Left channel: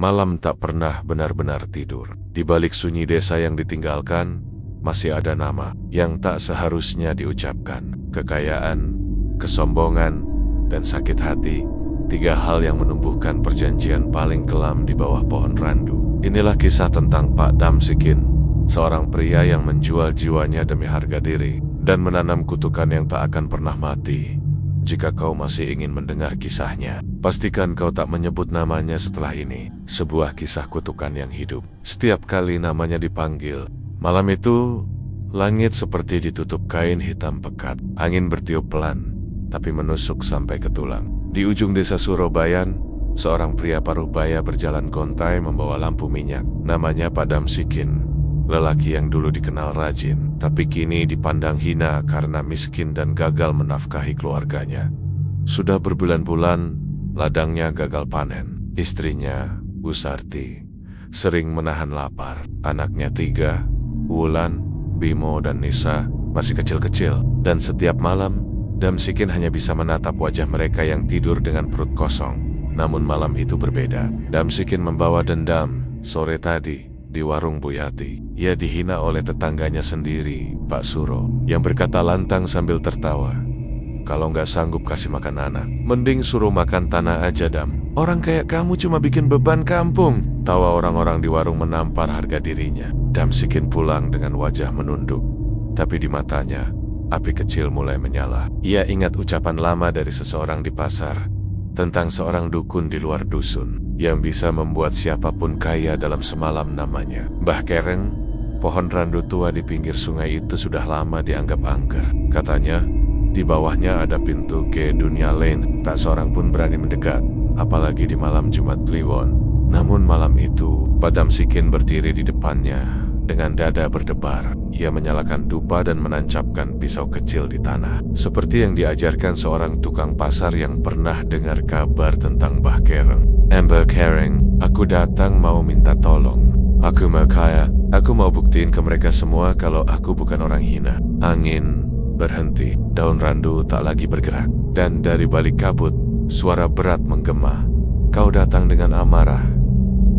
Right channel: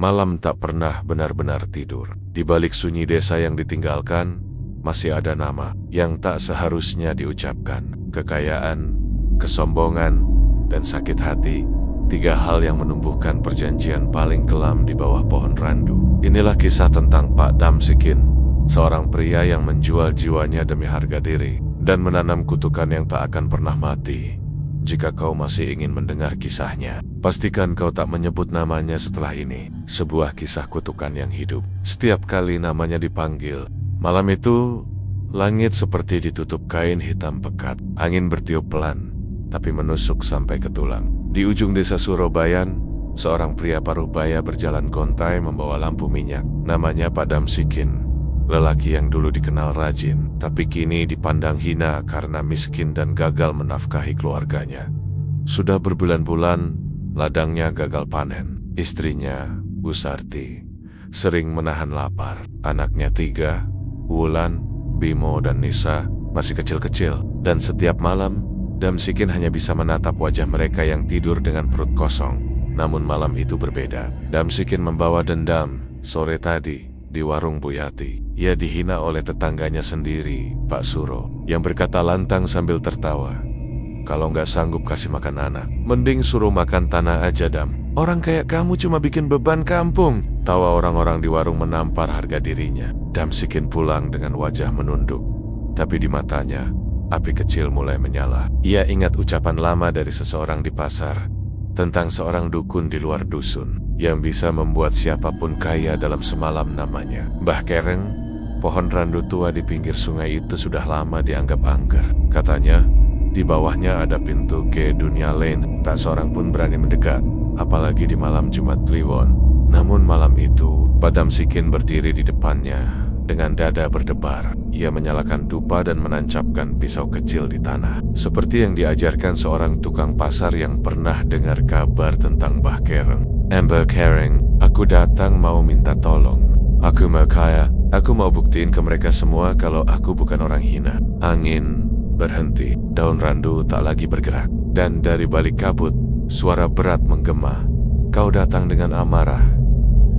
Malam tak pernah benar-benar tidur. Di balik sunyi desa yang ditinggalkan, masih ada nama yang tak seharusnya diucapkan. Kekayaan, kesombongan, dan sakit hati. 3 hal yang menumbuhkan perjanjian paling kelam di bawah pohon randu. Inilah kisah tentang Pak Damsyikin, seorang pria yang menjual jiwanya demi harga diri dan menanam kutukan yang tak akan pernah mati. Jika kau masih ingin mendengar kisahnya, pastikan kau tak menyebut namanya setelah ini. Sebuah kisah kutukan yang hidup. Setiap kali namanya dipanggil, malam itu langit seperti ditutup kain hitam pekat. Angin bertiup pelan, tapi menusuk sampai ke tulang. Di ujung desa Surobayan, seorang pria paruh baya berjalan gontai membawa lampu minyak. Namanya Pak Damsyikin. Lelaki yang dulu dikenal rajin, tapi kini dipandang hina karena miskin dan gagal menafkahi keluarganya. Sudah berbulan-bulan, ladangnya gagal panen. Istrinya, Bu Sarti, sering menahan lapar. Anaknya 3, Wulan, Bimo, dan Nisa, masih kecil-kecil. Dan setiap malam, Damsyikin hanya bisa menatap wajah mereka yang tidur dengan perut kosong. Namun malam itu berbeda. Damsyikin membawa dendam. Sore tadi, di warung Bu Yati, ia dihina oleh tetangganya sendiri, Pak Suro, yang berkata lantang sambil tertawa, "Kalau nggak sanggup kasih makan anak, mending suruh makan tanah aja, Dam. Orang kayak kamu cuma bikin beban kampung." Tawa orang-orang di warung menampar harga dirinya. Damsyikin pulang dengan wajah menunduk, tapi di matanya, api kecil mulai menyala. Ia ingat ucapan lama dari seseorang di pasar, tentang seorang dukun di luar dusun yang bisa membuat siapapun kaya dalam semalam. Namanya Mbah Kereng. Pohon randu tua di pinggir sungai itu sudah lama dianggap angker. Katanya, di bawahnya ada pintu ke dunia lain. Tak seorang pun berani mendekat, apalagi di malam Jumat Kliwon. Namun malam itu, Pak Damsyikin berdiri di depannya dengan dada berdebar. Ia menyalakan dupa dan menancapkan pisau kecil di tanah, seperti yang diajarkan seorang tukang pasar yang pernah dengar kabar tentang Mbah Kereng. "Mbah Kereng, aku datang mau minta tolong. Aku mau kaya. Aku mau buktiin ke mereka semua kalau aku bukan orang hina." Angin berhenti, daun randu tak lagi bergerak, dan dari balik kabut, suara berat menggema. "Kau datang dengan amarah,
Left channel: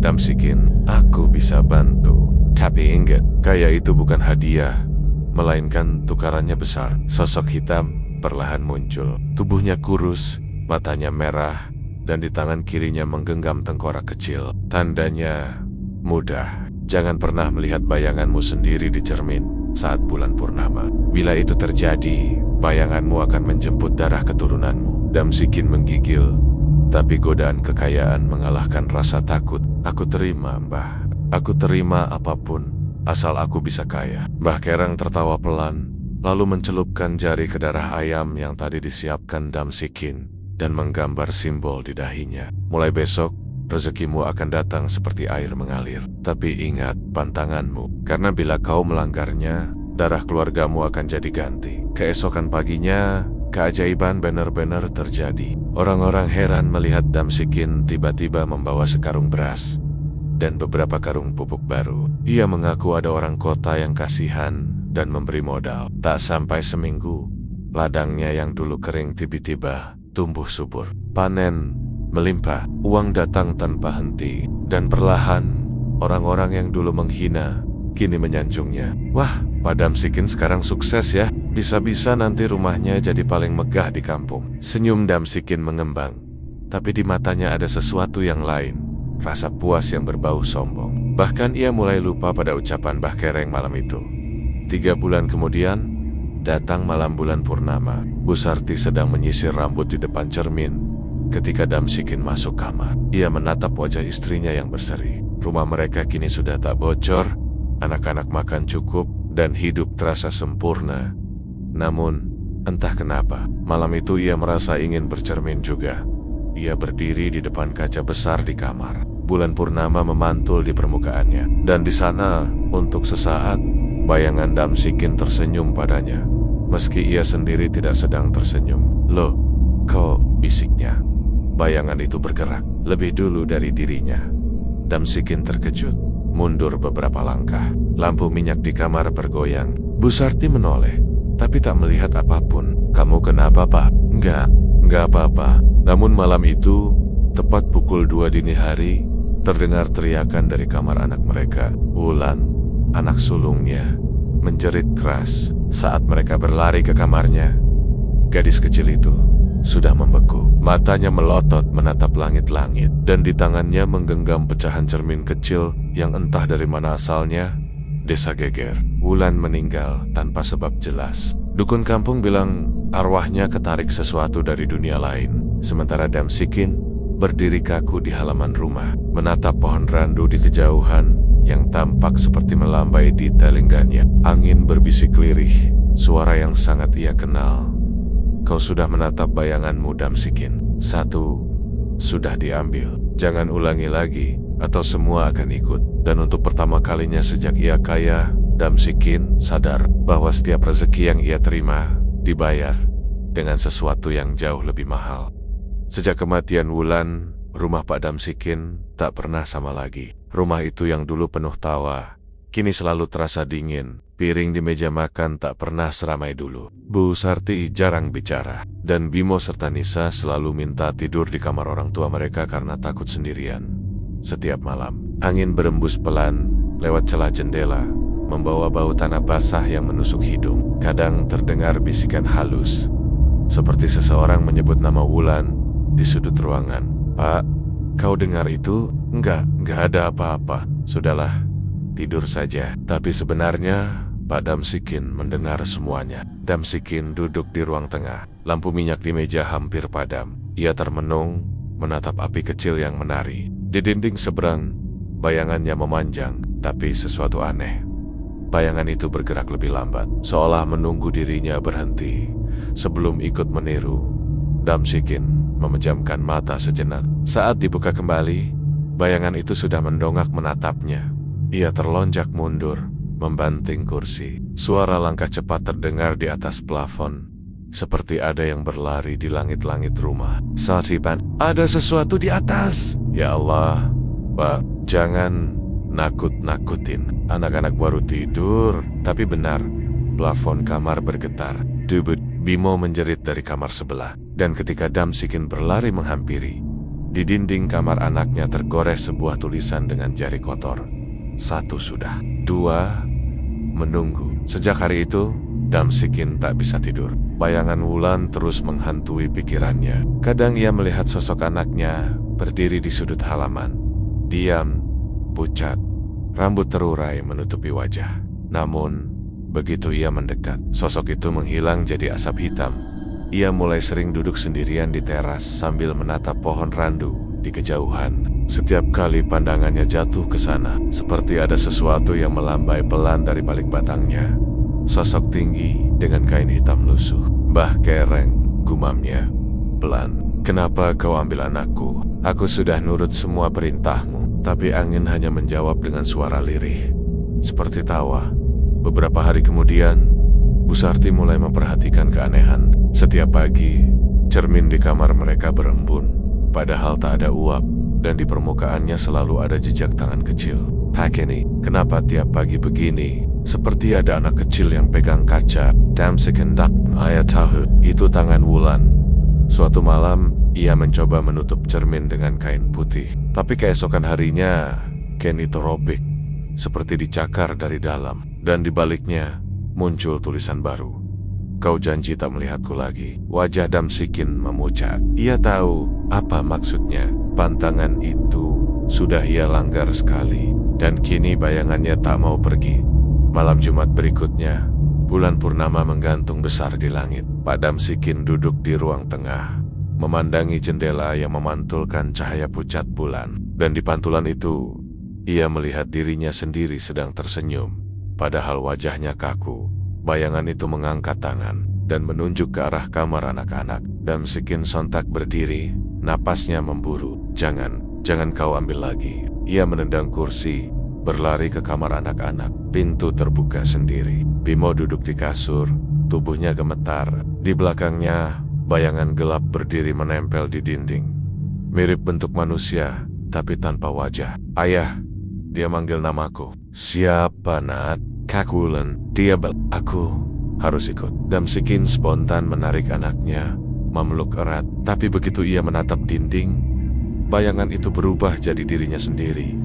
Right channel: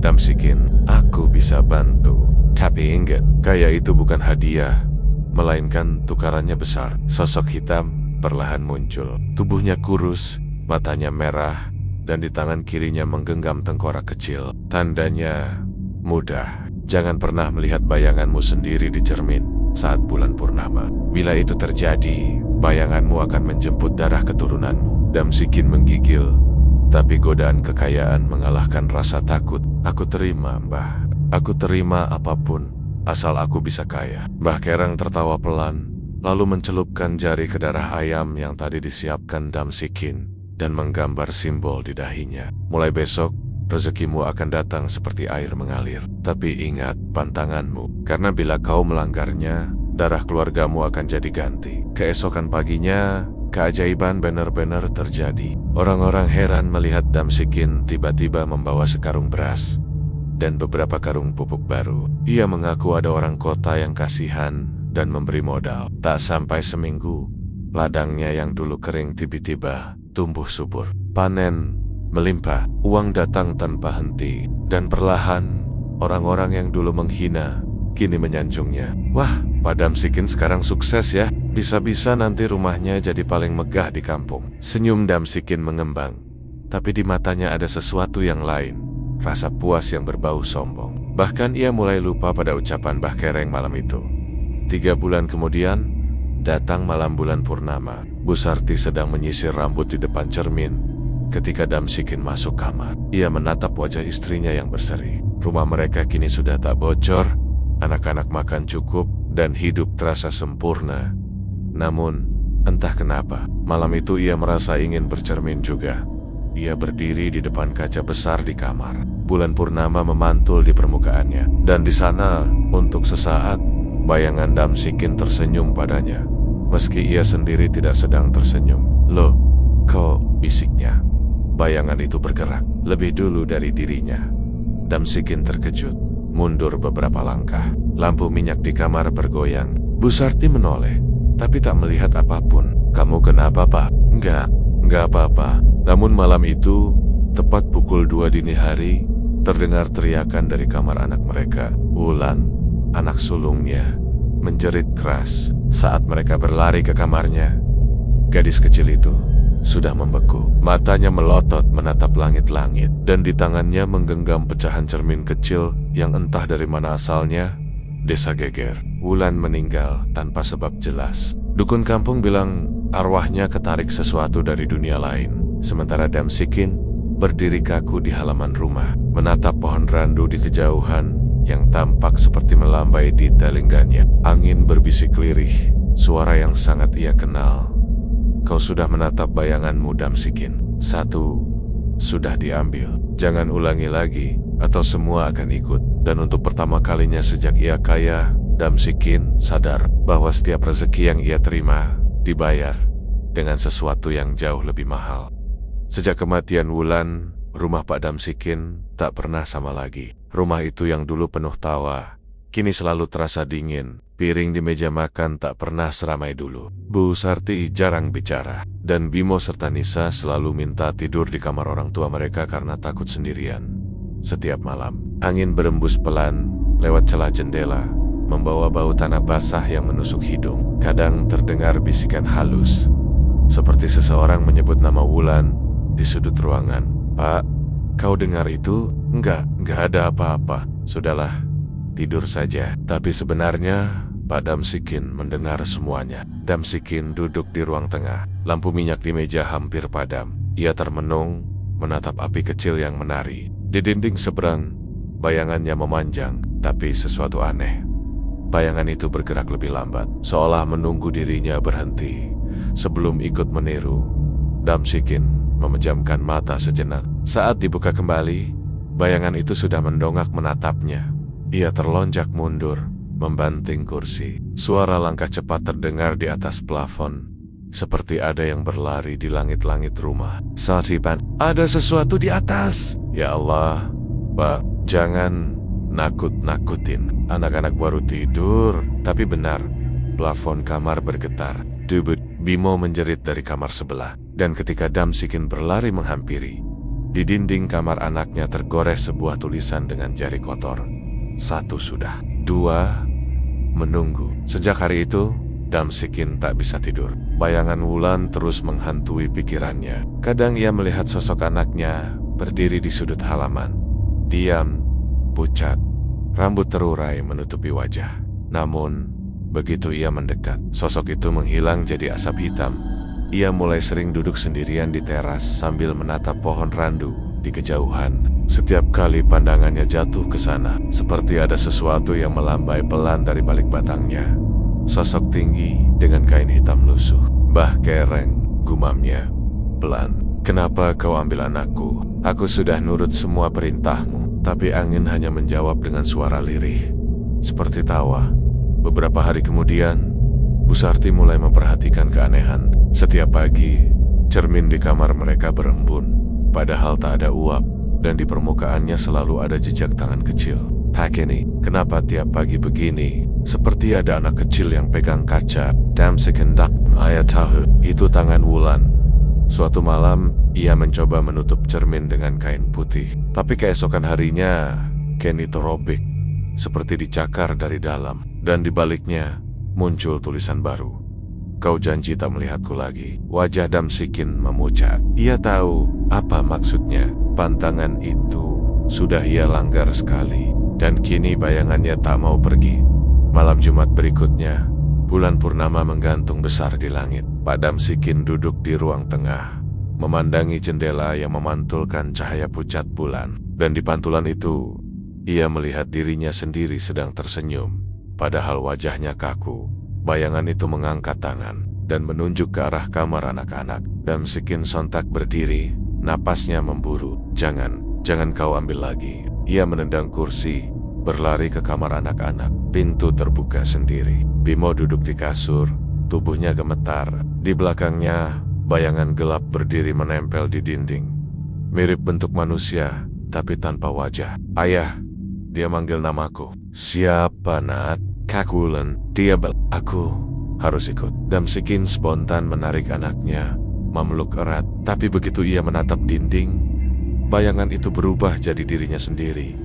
Damsyikin. Aku bisa bantu. Tapi ingat, kaya itu bukan hadiah, melainkan tukarannya besar." Sosok hitam perlahan muncul. Tubuhnya kurus, matanya merah, dan di tangan kirinya menggenggam tengkorak kecil. Tandanya mudah. Jangan pernah melihat bayanganmu sendiri di cermin saat bulan purnama. Bila itu terjadi, bayanganmu akan menjemput darah keturunanmu. Damsyikin menggigil, tapi godaan kekayaan mengalahkan rasa takut. "Aku terima, Mbah. Aku terima apapun, asal aku bisa kaya." Mbah Kereng tertawa pelan, lalu mencelupkan jari ke darah ayam yang tadi disiapkan Damsyikin dan menggambar simbol di dahinya. "Mulai besok, rezekimu akan datang seperti air mengalir. Tapi ingat pantanganmu, karena bila kau melanggarnya, darah keluargamu akan jadi ganti." Keesokan paginya, keajaiban benar-benar terjadi. Orang-orang heran melihat Damsyikin tiba-tiba membawa sekarung beras dan beberapa karung pupuk baru. Ia mengaku ada orang kota yang kasihan dan memberi modal. Tak sampai seminggu, ladangnya yang dulu kering tiba-tiba tumbuh subur. Panen melimpah, uang datang tanpa henti, dan perlahan orang-orang yang dulu menghina kini menyanjungnya. "Wah, Pak Damsyikin sekarang sukses ya. Bisa-bisa nanti rumahnya jadi paling megah di kampung." Senyum Damsyikin mengembang, tapi di matanya ada sesuatu yang lain. Rasa puas yang berbau sombong. Bahkan ia mulai lupa pada ucapan Mbah Kereng malam itu. 3 bulan kemudian, datang malam bulan purnama. Bu Sarti sedang menyisir rambut di depan cermin ketika Damsyikin masuk kamar. Ia menatap wajah istrinya yang berseri. Rumah mereka kini sudah tak bocor, anak-anak makan cukup, dan hidup terasa sempurna. Namun, entah kenapa, malam itu ia merasa ingin bercermin juga. Ia berdiri di depan kaca besar di kamar. Bulan purnama memantul di permukaannya, dan di sana, untuk sesaat, bayangan Damsyikin tersenyum padanya, meski ia sendiri tidak sedang tersenyum. "Loh, kok?" bisiknya. Bayangan itu bergerak lebih dulu dari dirinya. Damsyikin terkejut, mundur beberapa langkah. Lampu minyak di kamar bergoyang. Bu Sarti menoleh, tapi tak melihat apapun. "Kamu kenapa, Pak?" Enggak apa-apa." Namun malam itu, tepat pukul 2 dini hari, terdengar teriakan dari kamar anak mereka. Wulan, anak sulungnya, menjerit keras. Saat mereka berlari ke kamarnya, gadis kecil itu sudah membeku. Matanya melotot menatap langit-langit, dan di tangannya menggenggam pecahan cermin kecil yang entah dari mana asalnya. Desa geger. Wulan meninggal tanpa sebab jelas. Dukun kampung bilang arwahnya ketarik sesuatu dari dunia lain. Sementara Damsikin berdiri kaku di halaman rumah, menatap pohon randu di kejauhan yang tampak seperti melambai di telingganya. Angin berbisik lirih, suara yang sangat ia kenal. Kau sudah menatap bayanganmu, Damsikin. Satu sudah diambil. Jangan ulangi lagi, atau semua akan ikut. Dan untuk pertama kalinya sejak ia kaya, Damsikin sadar bahwa setiap rezeki yang ia terima dibayar dengan sesuatu yang jauh lebih mahal. Sejak kematian Wulan, rumah Pak Damsikin tak pernah sama lagi. Rumah itu yang dulu penuh tawa, kini selalu terasa dingin. Piring di meja makan tak pernah seramai dulu. Bu Sarti jarang bicara, dan Bimo serta Nisa selalu minta tidur di kamar orang tua mereka karena takut sendirian. Setiap malam, angin berembus pelan lewat celah jendela, membawa bau tanah basah yang menusuk hidung. Kadang terdengar bisikan halus, seperti seseorang menyebut nama Wulan di sudut ruangan. Pak, kau dengar itu? Enggak ada apa-apa. Sudahlah, tidur saja. Tapi sebenarnya Pak Damsikin mendengar semuanya. Damsikin duduk di ruang tengah. Lampu minyak di meja hampir padam. Ia termenung, menatap api kecil yang menari. Di dinding seberang, bayangannya memanjang, tapi sesuatu aneh. Bayangan itu bergerak lebih lambat, seolah menunggu dirinya berhenti. Sebelum ikut meniru, Damsikin memejamkan mata sejenak. Saat dibuka kembali, bayangan itu sudah mendongak menatapnya. Ia terlonjak mundur, membanting kursi. Suara langkah cepat terdengar di atas plafon, seperti ada yang berlari di langit-langit rumah. Satipan, ada sesuatu di atas. Ya Allah, Pak, jangan nakut-nakutin. Anak-anak baru tidur. Tapi benar, plafon kamar bergetar. Dubut, Bimo menjerit dari kamar sebelah. Dan ketika Damsikin berlari menghampiri, di dinding kamar anaknya tergores sebuah tulisan dengan jari kotor. 1 sudah. 2, menunggu. Sejak hari itu, Damsikin tak bisa tidur. Bayangan Wulan terus menghantui pikirannya. Kadang ia melihat sosok anaknya berdiri di sudut halaman. Diam, pucat, rambut terurai menutupi wajah. Namun, begitu ia mendekat, sosok itu menghilang jadi asap hitam. Ia mulai sering duduk sendirian di teras sambil menatap pohon randu di kejauhan. Setiap kali pandangannya jatuh ke sana, seperti ada sesuatu yang melambai pelan dari balik batangnya. Sosok tinggi dengan kain hitam lusuh. Mbah Kereng, gumamnya pelan. Kenapa kau ambil anakku? Aku sudah nurut semua perintahmu. Tapi angin hanya menjawab dengan suara lirih, seperti tawa. Beberapa hari kemudian, Bu Sarti mulai memperhatikan keanehan. Setiap pagi, cermin di kamar mereka berembun, padahal tak ada uap, dan di permukaannya selalu ada jejak tangan kecil. Pak ini, kenapa tiap pagi begini? Seperti ada anak kecil yang pegang kaca. Damsikin dak, ayah tahu, itu tangan Wulan. Suatu malam, ia mencoba menutup cermin dengan kain putih. Tapi keesokan harinya, kain itu robek, seperti dicakar dari dalam. Dan di baliknya, muncul tulisan baru. Kau janji tak melihatku lagi. Wajah Damsikin memucat. Ia tahu apa maksudnya. Pantangan itu sudah ia langgar sekali. Dan kini bayangannya tak mau pergi. Malam Jumat berikutnya, bulan purnama menggantung besar di langit. Pak Damsikin duduk di ruang tengah, memandangi jendela yang memantulkan cahaya pucat bulan. Dan di pantulan itu, ia melihat dirinya sendiri sedang tersenyum. Padahal wajahnya kaku. Bayangan itu mengangkat tangan dan menunjuk ke arah kamar anak-anak. Damsikin sontak berdiri, napasnya memburu. Jangan kau ambil lagi. Ia menendang kursi, berlari ke kamar anak-anak. Pintu terbuka sendiri. Bimo duduk di kasur, tubuhnya gemetar. Di belakangnya, bayangan gelap berdiri menempel di dinding. Mirip bentuk manusia, tapi tanpa wajah. Ayah, dia manggil namaku. Siapa, Nat? Kak Wulan. Aku harus ikut. Damsikin spontan menarik anaknya, memeluk erat. Tapi begitu ia menatap dinding, bayangan itu berubah jadi dirinya sendiri.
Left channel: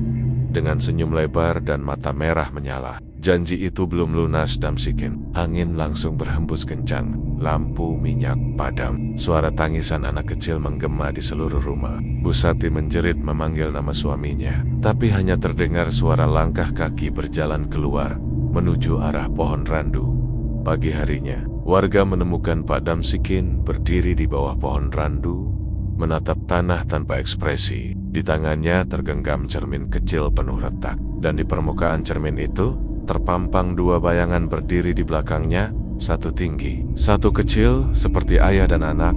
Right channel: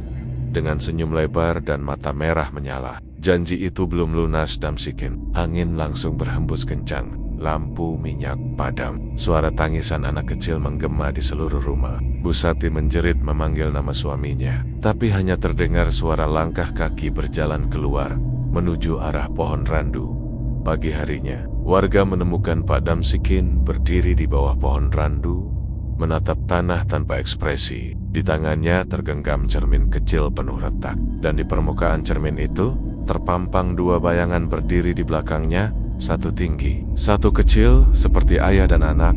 Dengan senyum lebar dan mata merah menyala. Janji itu belum lunas Damsikin. Angin langsung berhembus kencang. Lampu minyak padam. Suara tangisan anak kecil menggema di seluruh rumah. Bu Sarti menjerit memanggil nama suaminya. Tapi hanya terdengar suara langkah kaki berjalan keluar menuju arah pohon randu. Pagi harinya, warga menemukan Pak Damsikin berdiri di bawah pohon randu, menatap tanah tanpa ekspresi. Di tangannya tergenggam cermin kecil penuh retak. Dan di permukaan cermin itu, terpampang dua bayangan berdiri di belakangnya, satu tinggi, satu kecil seperti ayah dan anak.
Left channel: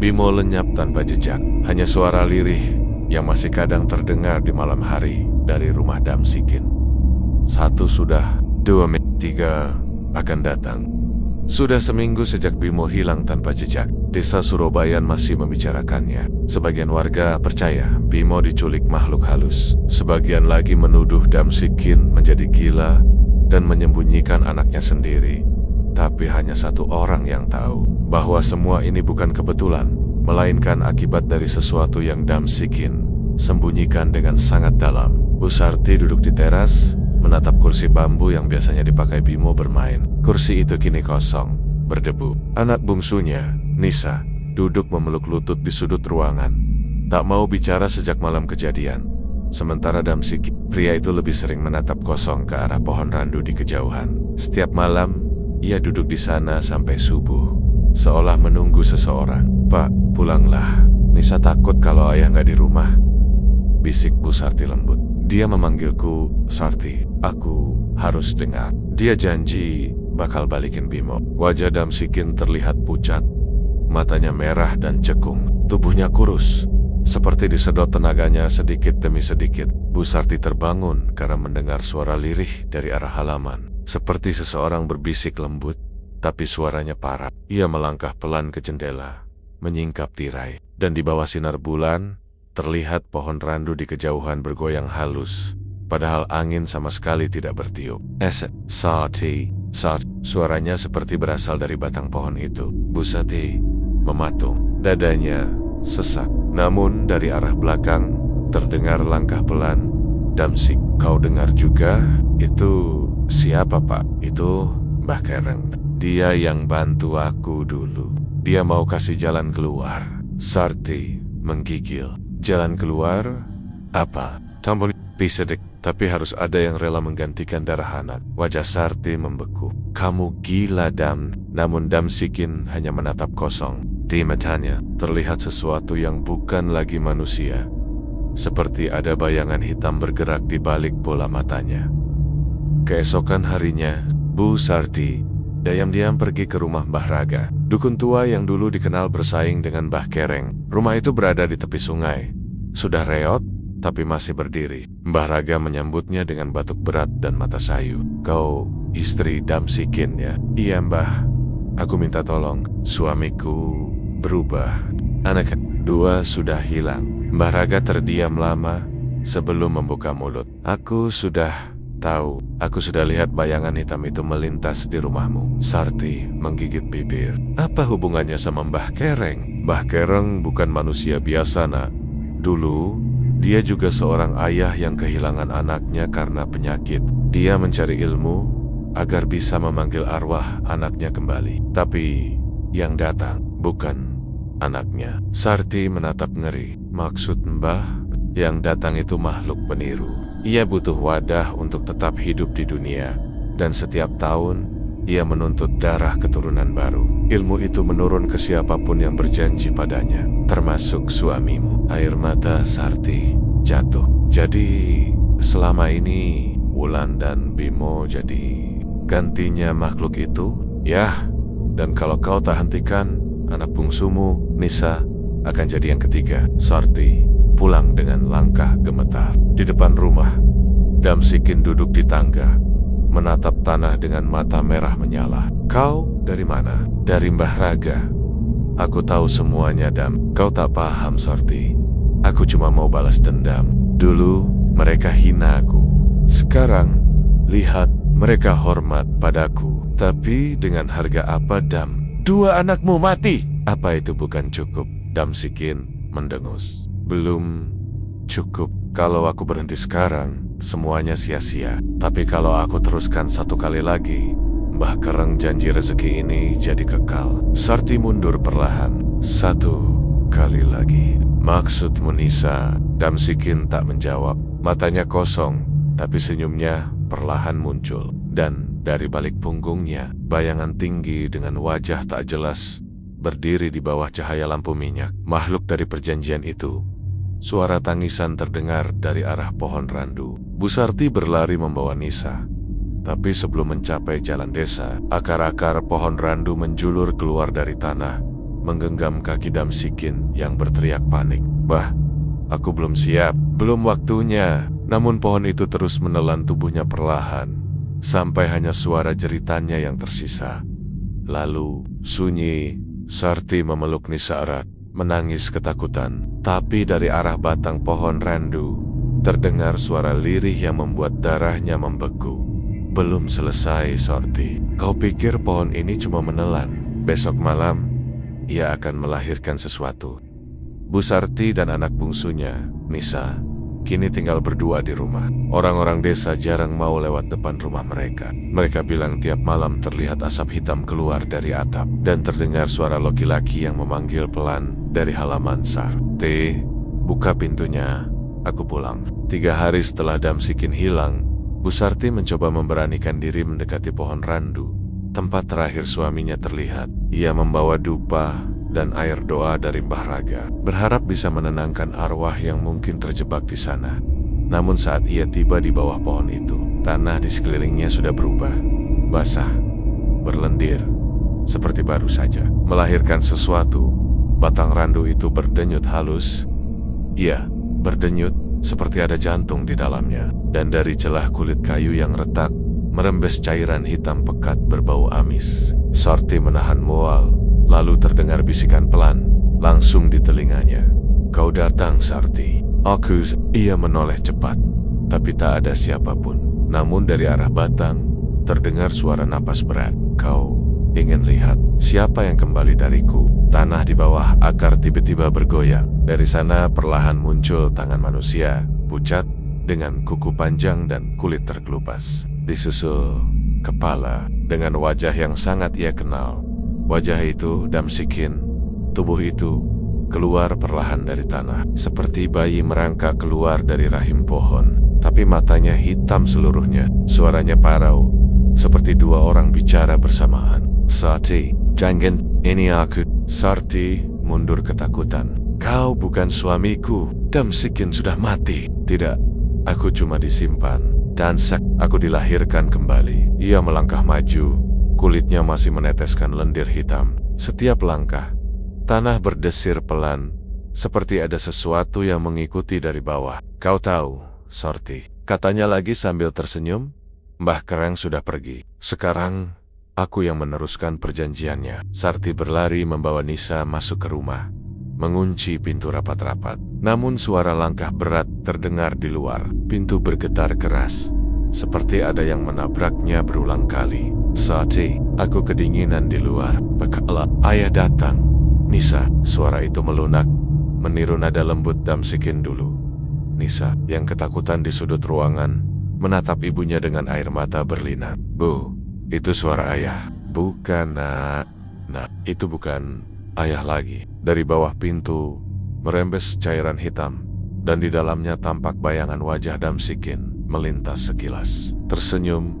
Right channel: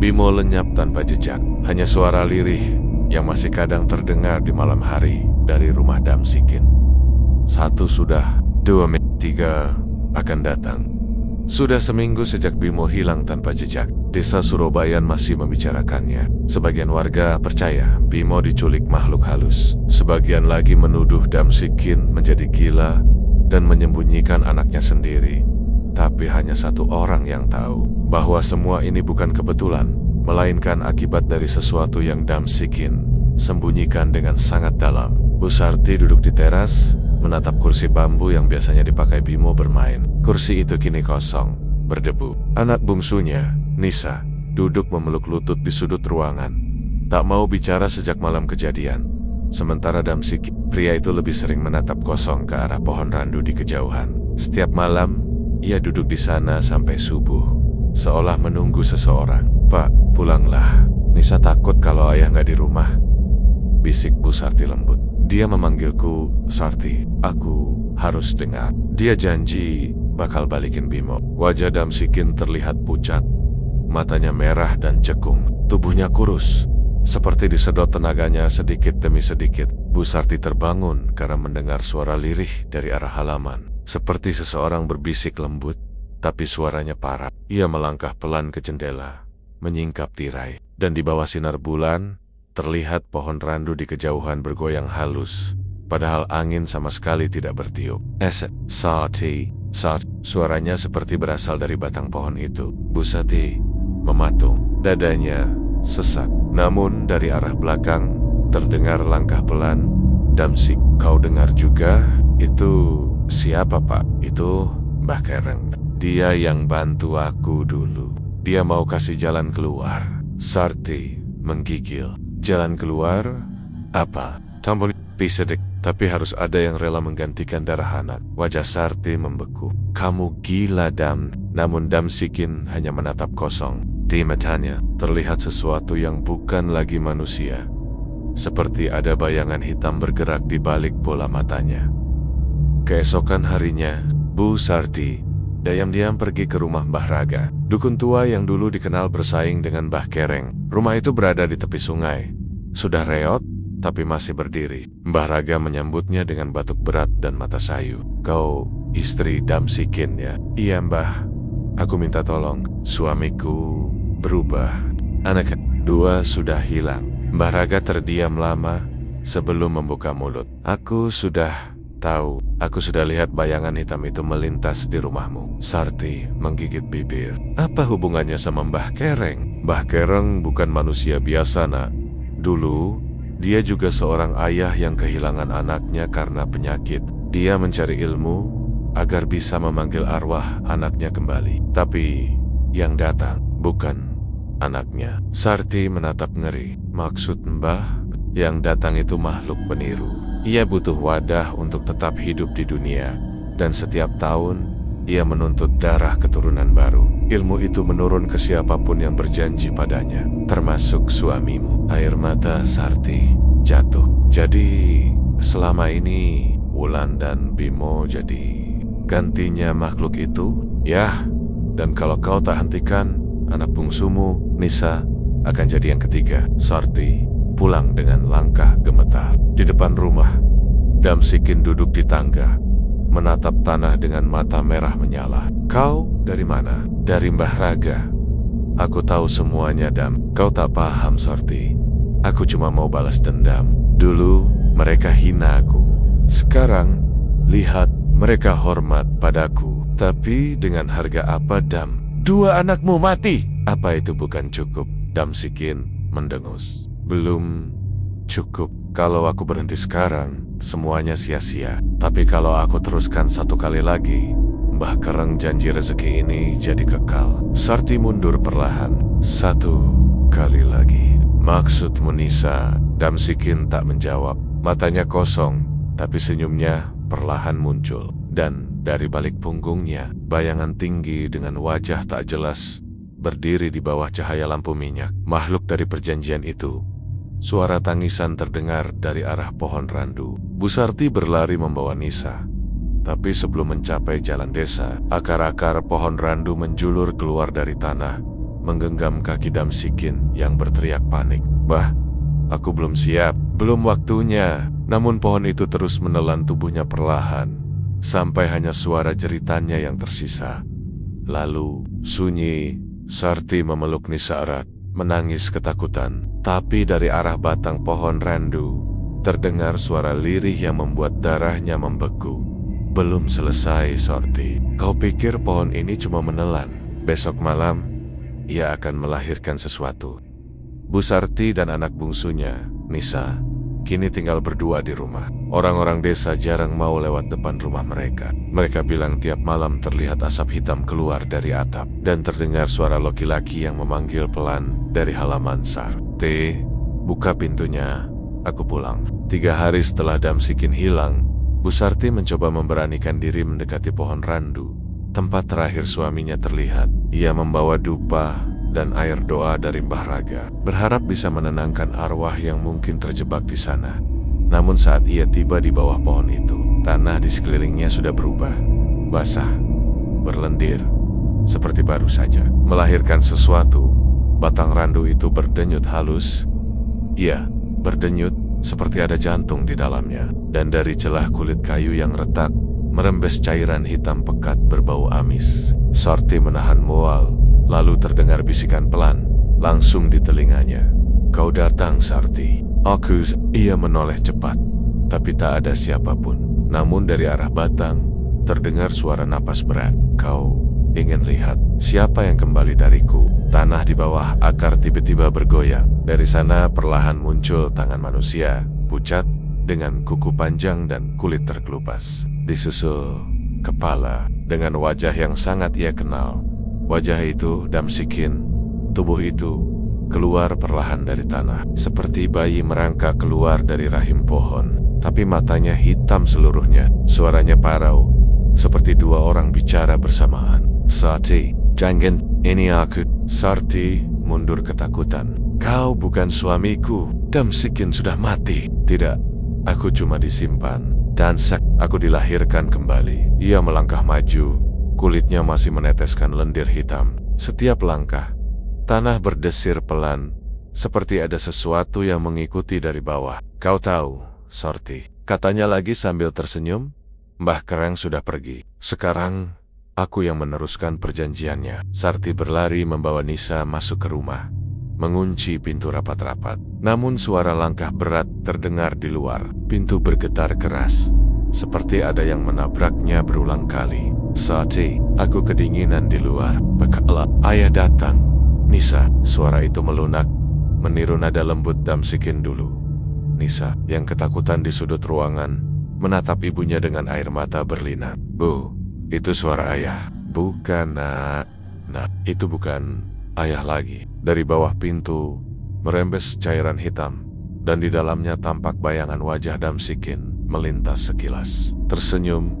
Bimo lenyap tanpa jejak. Hanya suara lirih yang masih kadang terdengar di malam hari dari rumah Damsikin. Satu sudah, 2 3 akan datang. Sudah seminggu sejak Bimo hilang tanpa jejak. Desa Surobayan masih membicarakannya. Sebagian warga percaya Bimo diculik makhluk halus. Sebagian lagi menuduh Damsikin menjadi gila dan menyembunyikan anaknya sendiri. Tapi hanya satu orang yang tahu bahwa semua ini bukan kebetulan, melainkan akibat dari sesuatu yang Damsikin sembunyikan dengan sangat dalam. Bu Sarti duduk di teras, menatap kursi bambu yang biasanya dipakai Bimo bermain. Kursi itu kini kosong, berdebu. Anak bungsunya, Nisa, duduk memeluk lutut di sudut ruangan. Tak mau bicara sejak malam kejadian. Sementara Damsikin, pria itu lebih sering menatap kosong ke arah pohon randu di kejauhan. Setiap malam, ia duduk di sana sampai subuh, seolah menunggu seseorang. "Pak, pulanglah. Nisa takut kalau ayah nggak di rumah," bisik Bu Sarti lembut. Dia memanggilku, "Sarti, aku harus dengar." Dia janji bakal balikin Bimo. Wajah Damsikin terlihat pucat, matanya merah dan cekung, tubuhnya kurus, seperti disedot tenaganya sedikit demi sedikit. Bu Sarti terbangun karena mendengar suara lirih dari arah halaman, seperti seseorang berbisik lembut, tapi suaranya parah. Ia melangkah pelan ke jendela, menyingkap tirai, dan di bawah sinar bulan, terlihat pohon randu di kejauhan bergoyang halus, padahal angin sama sekali tidak bertiup. Sarti, suaranya seperti berasal dari batang pohon itu. Bu Sarti mematung, dadanya sesak. Namun dari arah belakang terdengar langkah pelan. "Damsik, kau dengar juga? Itu siapa, Pak?" "Itu Mbah Kereng. Dia yang bantu aku dulu. Dia mau kasih jalan keluar." Sarti menggigil. "Jalan keluar? Apa?" "Tambun pisedek, tapi harus ada yang rela menggantikan darah anak." Wajah Sarti membeku. "Kamu gila, Dam." Namun Damsikin hanya menatap kosong. Di matanya terlihat sesuatu yang bukan lagi manusia. Seperti ada bayangan hitam bergerak di balik bola matanya. Keesokan harinya, Bu Sarti diam-diam pergi ke rumah Mbah Raga, dukun tua yang dulu dikenal bersaing dengan Mbah Kereng. Rumah itu berada di tepi sungai. Sudah reot, tapi masih berdiri. Mbah Raga menyambutnya dengan batuk berat dan mata sayu. "Kau istri Damsikin, ya?" "Iya, Mbah. Aku minta tolong. Suamiku berubah. Anak dua sudah hilang." Mbah Raga terdiam lama sebelum membuka mulut. "Aku sudah tahu. Aku sudah lihat bayangan hitam itu melintas di rumahmu." Sarti menggigit bibir. "Apa hubungannya sama Mbah Kereng?" "Mbah Kereng bukan manusia biasa, nak. Dulu, dia juga seorang ayah yang kehilangan anaknya karena penyakit. Dia mencari ilmu agar bisa memanggil arwah anaknya kembali. Tapi yang datang bukan anaknya." Sarti menatap ngeri. "Maksud Mbah, yang datang itu makhluk peniru. Ia butuh wadah untuk tetap hidup di dunia, dan setiap tahun ia menuntut darah keturunan baru. Ilmu itu menurun ke siapapun yang berjanji padanya, termasuk suamimu." Air mata Sarti jatuh. "Jadi selama ini Wulan dan Bimo jadi gantinya makhluk itu?" "Yah, dan kalau kau tak hentikan, anak bungsumu, Nisa, akan jadi yang ketiga." Sarti pulang dengan langkah gemetar. Di depan rumah, Damsikin duduk di tangga, menatap tanah dengan mata merah menyala. "Kau dari mana?" "Dari Mbah Raga." "Aku tahu semuanya, Dam." "Kau tak paham, Sarti. Aku cuma mau balas dendam. Dulu mereka hina aku. Sekarang, lihat, mereka hormat padaku. Tapi dengan harga apa, Dam?" "Dua anakmu mati." "Apa itu bukan cukup?" Damsikin mendengus. "Belum Cukup, kalau aku berhenti sekarang, semuanya sia-sia. Tapi kalau aku teruskan satu kali lagi, Mbah Kereng janji rezeki ini jadi kekal. Sarti mundur perlahan. Satu kali lagi. Maksudmu Nisa? Damsikin tak menjawab. Matanya kosong, tapi senyumnya perlahan muncul. Dan dari balik punggungnya, bayangan tinggi dengan wajah tak jelas berdiri di bawah cahaya lampu minyak. Makhluk dari perjanjian itu. Suara tangisan terdengar dari arah pohon randu. Bu Sarti berlari membawa Nisa. Tapi sebelum mencapai jalan desa, akar-akar pohon randu menjulur keluar dari tanah, menggenggam kaki Damsikin yang berteriak panik. Bah, aku belum siap, belum waktunya. Namun pohon itu terus menelan tubuhnya perlahan, sampai hanya suara jeritannya yang tersisa. Lalu, sunyi, Sarti memeluk Nisa erat, menangis ketakutan. Tapi dari arah batang pohon randu, terdengar suara lirih yang membuat darahnya membeku. Belum selesai, Sarti. Kau pikir pohon ini cuma menelan? Besok malam, ia akan melahirkan sesuatu. Bu Sarti dan anak bungsunya, Nisa, kini tinggal berdua di rumah. Orang-orang desa jarang mau lewat depan rumah mereka. Mereka bilang tiap malam terlihat asap hitam keluar dari atap, dan terdengar suara laki-laki yang memanggil pelan dari halaman Sarti. Buka pintunya, aku pulang. 3 hari setelah Damsikin hilang, Bu Sarti mencoba memberanikan diri mendekati pohon randu, tempat terakhir suaminya terlihat. Ia membawa dupa dan air doa dari Mbah Raga, berharap bisa menenangkan arwah yang mungkin terjebak di sana. Namun saat ia tiba di bawah pohon itu, tanah di sekelilingnya sudah berubah, basah, berlendir, seperti baru saja melahirkan sesuatu. Batang randu itu berdenyut halus. Iya, berdenyut seperti ada jantung di dalamnya. Dan dari celah kulit kayu yang retak, merembes cairan hitam pekat berbau amis. Sarti menahan mual, lalu terdengar bisikan pelan, langsung di telinganya. Kau datang, Sarti. Aku. Ia menoleh cepat, tapi tak ada siapapun. Namun dari arah batang, terdengar suara napas berat. Kau ingin lihat siapa yang kembali dariku? Tanah di bawah akar tiba-tiba bergoyang. Dari sana perlahan muncul tangan manusia, pucat, dengan kuku panjang dan kulit terkelupas. Disusul kepala dengan wajah yang sangat ia kenal. Wajah itu Damsikin. Tubuh itu keluar perlahan dari tanah, seperti bayi merangkak keluar dari rahim pohon. Tapi matanya hitam seluruhnya. Suaranya parau, seperti 2 orang bicara bersamaan. Sarti, jangan, ini aku. Sarti mundur ketakutan. Kau bukan suamiku. Damsikin sudah mati. Tidak. Aku cuma disimpan, dan aku dilahirkan kembali. Ia melangkah maju, kulitnya masih meneteskan lendir hitam. Setiap langkah, tanah berdesir pelan, seperti ada sesuatu yang mengikuti dari bawah. Kau tahu, Sarti, katanya lagi sambil tersenyum, Mbah Kereng sudah pergi. Sekarang, aku yang meneruskan perjanjiannya. Sarti berlari membawa Nisa masuk ke rumah, mengunci pintu rapat-rapat. Namun suara langkah berat terdengar di luar. Pintu bergetar keras, seperti ada yang menabraknya berulang kali. Sarti, aku kedinginan di luar. Bekala, ayah datang. Nisa, suara itu melunak, meniru nada lembut Damsikin dulu. Nisa, yang ketakutan di sudut ruangan, menatap ibunya dengan air mata berlinang. Bu, itu suara ayah. Bukan, nak. Nah, itu bukan ayah lagi. Dari bawah pintu merembes cairan hitam, dan di dalamnya tampak bayangan wajah Damsikin melintas sekilas. Tersenyum,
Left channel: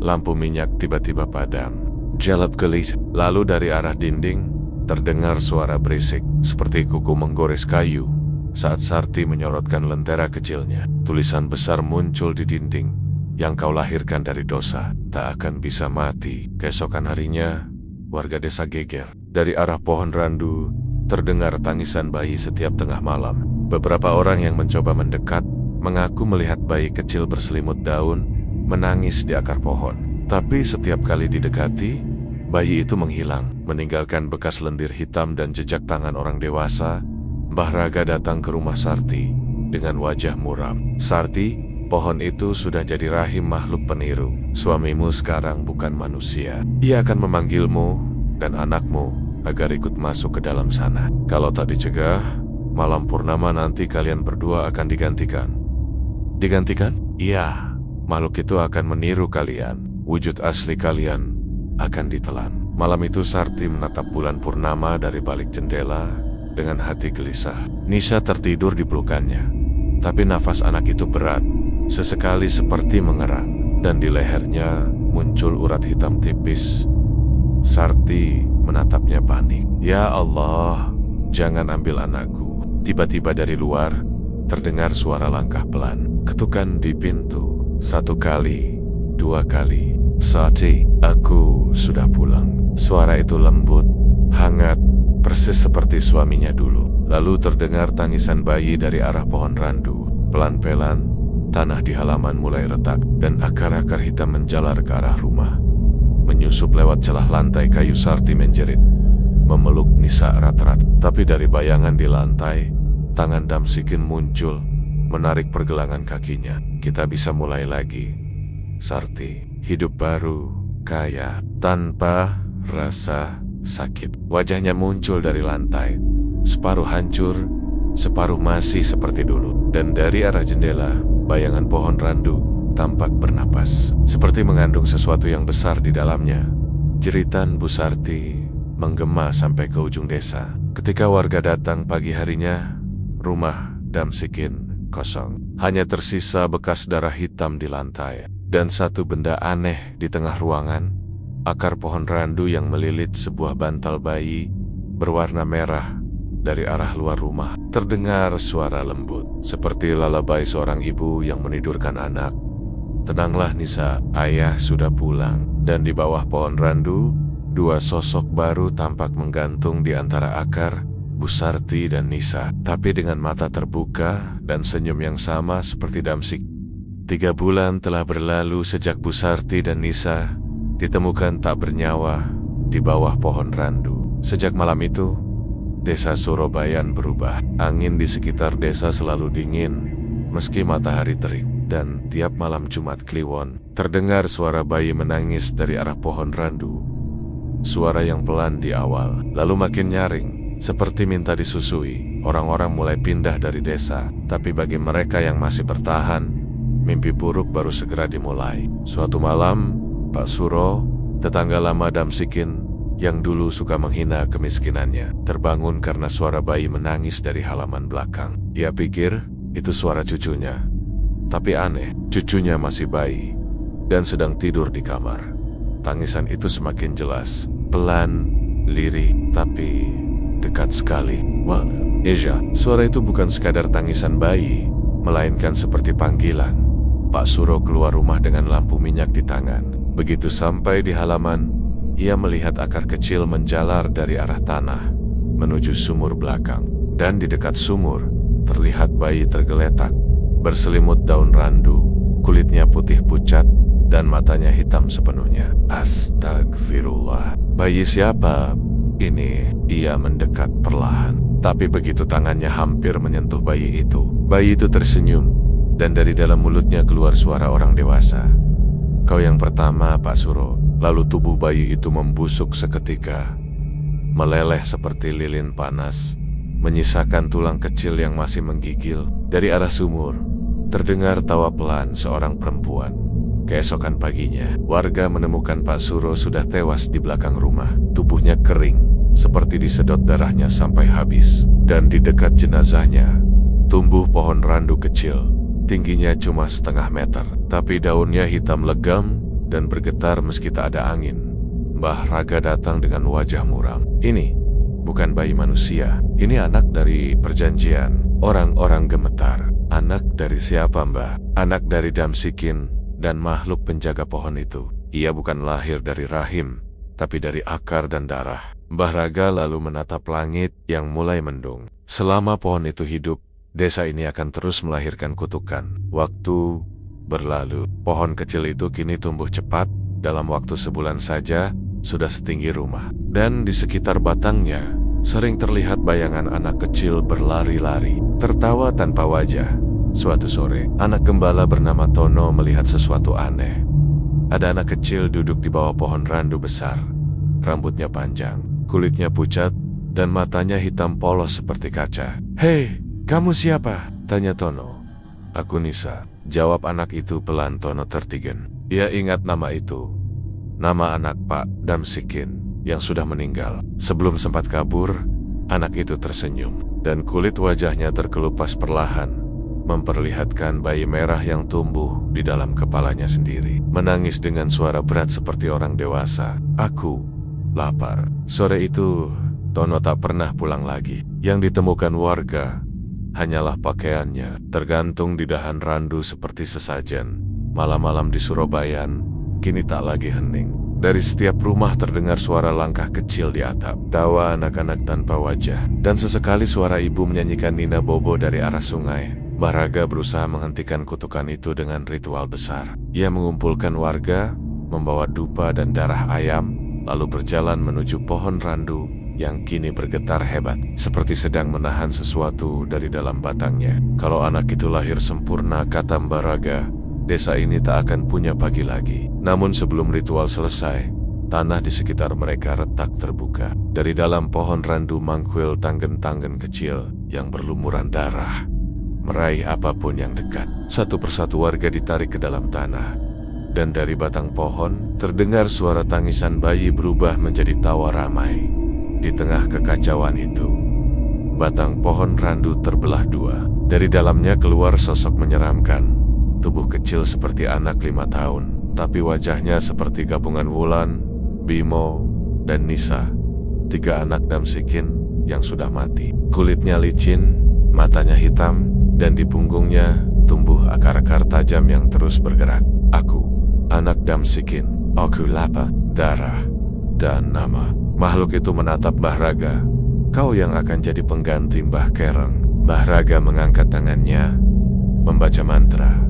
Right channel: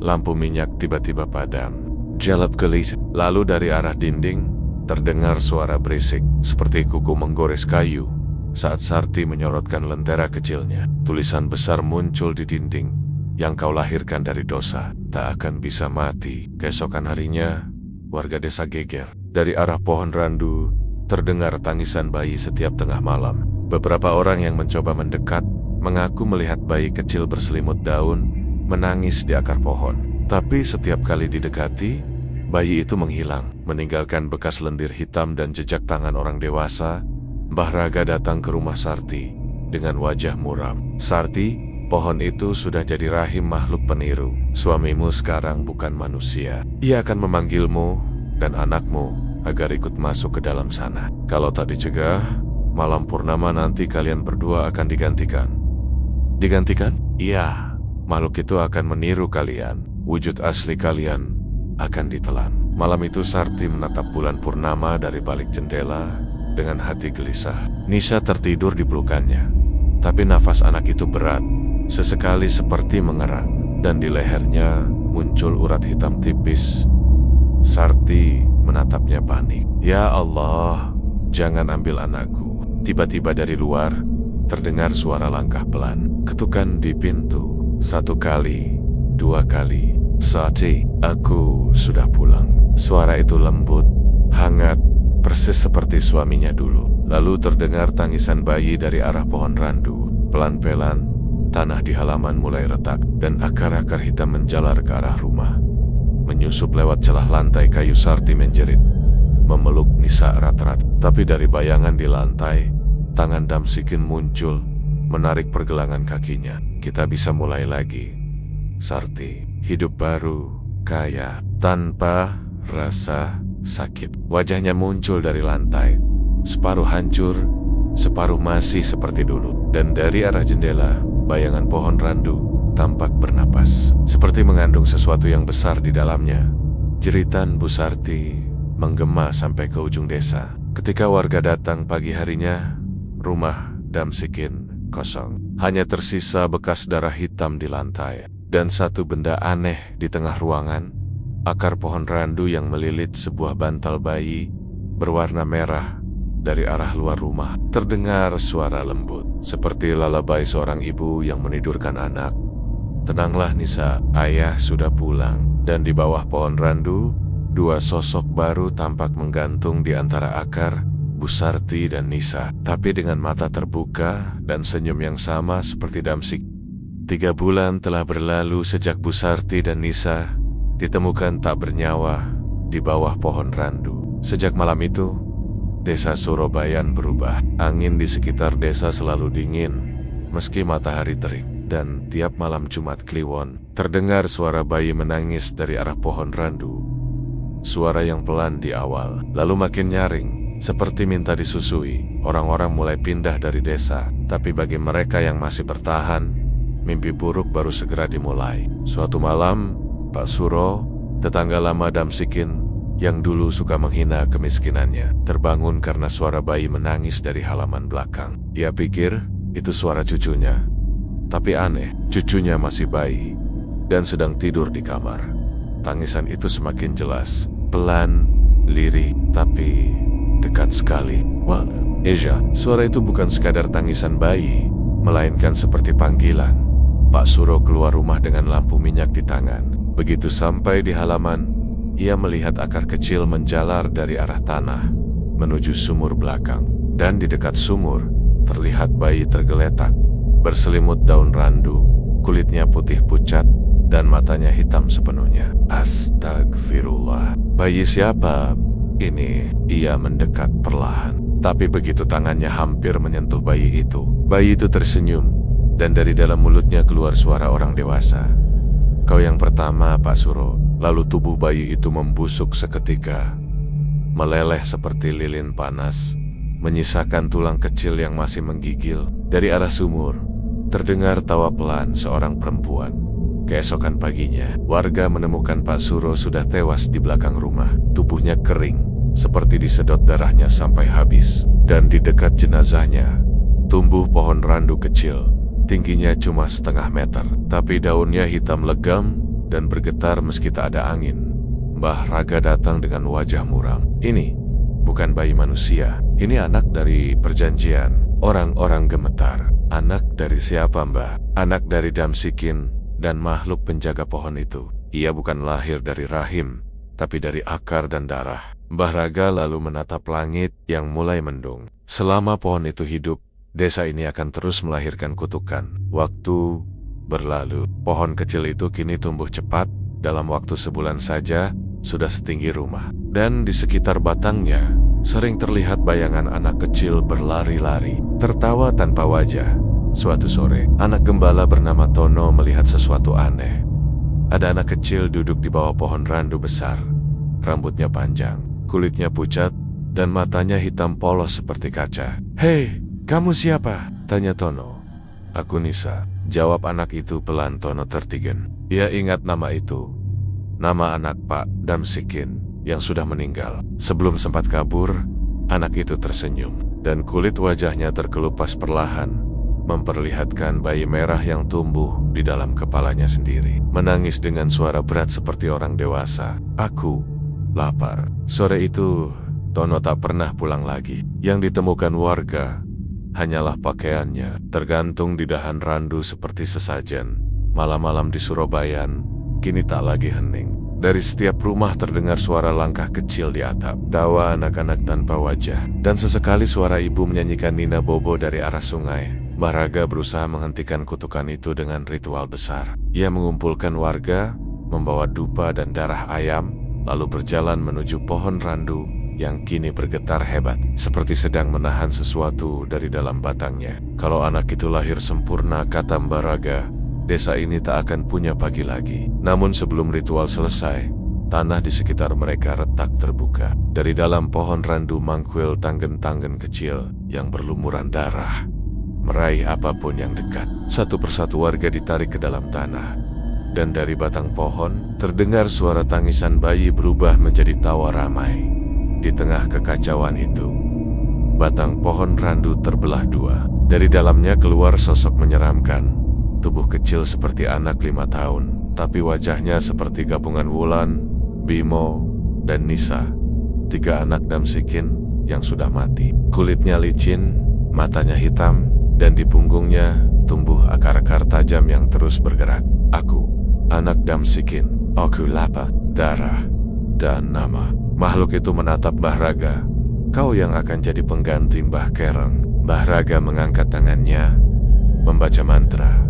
lampu minyak tiba-tiba padam. Jalap gelit. Lalu dari arah dinding terdengar suara berisik, seperti kuku menggores kayu. Saat Sarti menyorotkan lentera kecilnya, tulisan besar muncul di dinding. Yang kau lahirkan dari dosa tak akan bisa mati. Keesokan harinya, warga desa geger. Dari arah pohon randu terdengar tangisan bayi setiap tengah malam. Beberapa orang yang mencoba mendekat mengaku melihat bayi kecil berselimut daun menangis di akar pohon. Tapi setiap kali didekati, bayi itu menghilang, meninggalkan bekas lendir hitam dan jejak tangan orang dewasa. Mbah Raga datang ke rumah Sarti dengan wajah muram. Sarti, pohon itu sudah jadi rahim makhluk peniru. Suamimu sekarang bukan manusia. Ia akan memanggilmu dan anakmu agar ikut masuk ke dalam sana. Kalau tak dicegah, Malam purnama nanti kalian berdua akan digantikan. Digantikan? Iya. Makhluk itu akan meniru kalian. Wujud asli kalian akan ditelan. Malam itu Sarti menatap bulan purnama dari balik jendela dengan hati gelisah. Nisa tertidur di pelukannya. Tapi nafas anak itu berat. Sesekali seperti mengerang. Dan di lehernya muncul urat hitam tipis. Sarti menatapnya panik. Ya Allah, jangan ambil anakku. Tiba-tiba dari luar, terdengar suara langkah pelan. Ketukan di pintu. 1 kali, 2 kali. Sarti, aku sudah pulang. Suara itu lembut, hangat, persis seperti suaminya dulu. Lalu terdengar tangisan bayi dari arah pohon randu. Pelan-pelan, tanah di halaman mulai retak, dan akar-akar hitam menjalar ke arah rumah. Menyusup lewat celah lantai kayu. Sarti menjerit, memeluk Nisa erat-erat. Tapi dari bayangan di lantai, tangan Damsikin muncul, menarik pergelangan kakinya. Kita bisa mulai lagi, Sarti. Hidup baru, kaya, tanpa rasa sakit. Wajahnya muncul dari lantai, separuh hancur, separuh masih seperti dulu. Dan dari arah jendela, bayangan pohon randu tampak bernapas, seperti mengandung sesuatu yang besar di dalamnya. Jeritan Bu Sarti menggema sampai ke ujung desa. Ketika warga datang pagi harinya, rumah Damsikin kosong. Hanya tersisa bekas darah hitam di lantai. Dan satu benda aneh di tengah ruangan, akar pohon randu yang melilit sebuah bantal bayi berwarna merah. Dari arah luar rumah, terdengar suara lembut, seperti lalabai seorang ibu yang menidurkan anak. Tenanglah Nisa, ayah sudah pulang. Dan di bawah pohon randu, 2 sosok baru tampak menggantung di antara akar, Bu Sarti dan Nisa. Tapi dengan mata terbuka dan senyum yang sama seperti Damsik. 3 bulan telah berlalu sejak Bu Sarti dan Nisa ditemukan tak bernyawa di bawah pohon randu. Sejak malam itu, desa Surabayan berubah. Angin di sekitar desa selalu dingin, meski matahari terik. Dan tiap malam Jumat Kliwon, terdengar suara bayi menangis dari arah pohon randu. Suara yang pelan di awal, lalu makin nyaring, seperti minta disusui. Orang-orang mulai pindah dari desa, tapi bagi mereka yang masih bertahan, mimpi buruk baru segera dimulai. Suatu malam, Pak Suro, tetangga lama Damsikin, yang dulu suka menghina kemiskinannya, terbangun karena suara bayi menangis dari halaman belakang. Ia pikir itu suara cucunya. Tapi aneh, cucunya masih bayi dan sedang tidur di kamar. Tangisan itu semakin jelas, pelan, lirih, tapi dekat sekali. Wah, Eja, suara itu bukan sekadar tangisan bayi, melainkan seperti panggilan. Pak Suro keluar rumah dengan lampu minyak di tangan. Begitu sampai di halaman, ia melihat akar kecil menjalar dari arah tanah menuju sumur belakang. Dan di dekat sumur, terlihat bayi tergeletak, berselimut daun randu, kulitnya putih pucat, dan matanya hitam sepenuhnya. Astagfirullah. Bayi siapa ini? Ia mendekat perlahan. Tapi begitu tangannya hampir menyentuh bayi itu tersenyum, dan dari dalam mulutnya keluar suara orang dewasa. Kau yang pertama, Pak Suro. Lalu tubuh bayi itu membusuk seketika, meleleh seperti lilin panas, menyisakan tulang kecil yang masih menggigil. Dari arah sumur, terdengar tawa pelan seorang perempuan. Keesokan paginya, warga menemukan Pak Suro sudah tewas di belakang rumah. Tubuhnya kering, seperti disedot darahnya sampai habis. Dan di dekat jenazahnya, tumbuh pohon randu kecil. Tingginya cuma setengah meter, tapi daunnya hitam legam dan bergetar meski tak ada angin. Mbah Raga datang dengan wajah muram. Ini bukan bayi manusia, ini anak dari perjanjian. Orang-orang gemetar. Anak dari siapa, Mbah? Anak dari Damsikin dan makhluk penjaga pohon itu. Ia bukan lahir dari rahim, tapi dari akar dan darah. Mbah Raga lalu menatap langit yang mulai mendung. Selama pohon itu hidup, desa ini akan terus melahirkan kutukan. Waktu berlalu, pohon kecil itu kini tumbuh cepat. Dalam waktu sebulan saja, sudah setinggi rumah. Dan di sekitar batangnya, sering terlihat bayangan anak kecil berlari-lari, tertawa tanpa wajah. Suatu sore, anak gembala bernama Tono melihat sesuatu aneh. Ada anak kecil duduk di bawah pohon randu besar. Rambutnya panjang, kulitnya pucat, dan matanya hitam polos seperti kaca. "Hei, kamu siapa?" tanya Tono. "Aku Nisa," jawab anak itu pelan. Tono tertigen. Ia ingat nama itu. Nama anak Pak Damsikin yang sudah meninggal. Sebelum sempat kabur, anak itu tersenyum, dan kulit wajahnya terkelupas perlahan, memperlihatkan bayi merah yang tumbuh di dalam kepalanya sendiri. Menangis dengan suara berat seperti orang dewasa. "Aku lapar." Sore itu, Tono tak pernah pulang lagi. Yang ditemukan warga hanyalah pakaiannya, tergantung di dahan randu seperti sesajen. Malam-malam di Surabaya kini tak lagi hening. Dari setiap rumah terdengar suara langkah kecil di atap, tawa anak-anak tanpa wajah, dan sesekali suara ibu menyanyikan Nina Bobo dari arah sungai. Mbah Raga berusaha menghentikan kutukan itu dengan ritual besar. Ia mengumpulkan warga, membawa dupa dan darah ayam, lalu berjalan menuju pohon randu yang kini bergetar hebat, seperti sedang menahan sesuatu dari dalam batangnya. Kalau anak itu lahir sempurna, kata Mbah Raga, desa ini tak akan punya pagi lagi. Namun sebelum ritual selesai, tanah di sekitar mereka retak terbuka. Dari dalam pohon randu mangkil tanggen-tanggen kecil yang berlumuran darah, meraih apapun yang dekat. Satu persatu warga ditarik ke dalam tanah, dan dari batang pohon terdengar suara tangisan bayi berubah menjadi tawa ramai. Di tengah kekacauan itu, batang pohon randu terbelah dua. Dari dalamnya keluar sosok menyeramkan. Tubuh kecil seperti anak 5 tahun, tapi wajahnya seperti gabungan Wulan, Bimo, dan Nisa. 3 anak Damsikin yang sudah mati. Kulitnya licin, matanya hitam, dan di punggungnya tumbuh akar-akar tajam yang terus bergerak. "Aku, anak Damsikin. Aku lapar, darah, dan nama." Makhluk itu menatap Mbah Raga. "Kau yang akan jadi pengganti Mbah Kereng." Mbah Raga mengangkat tangannya, membaca mantra.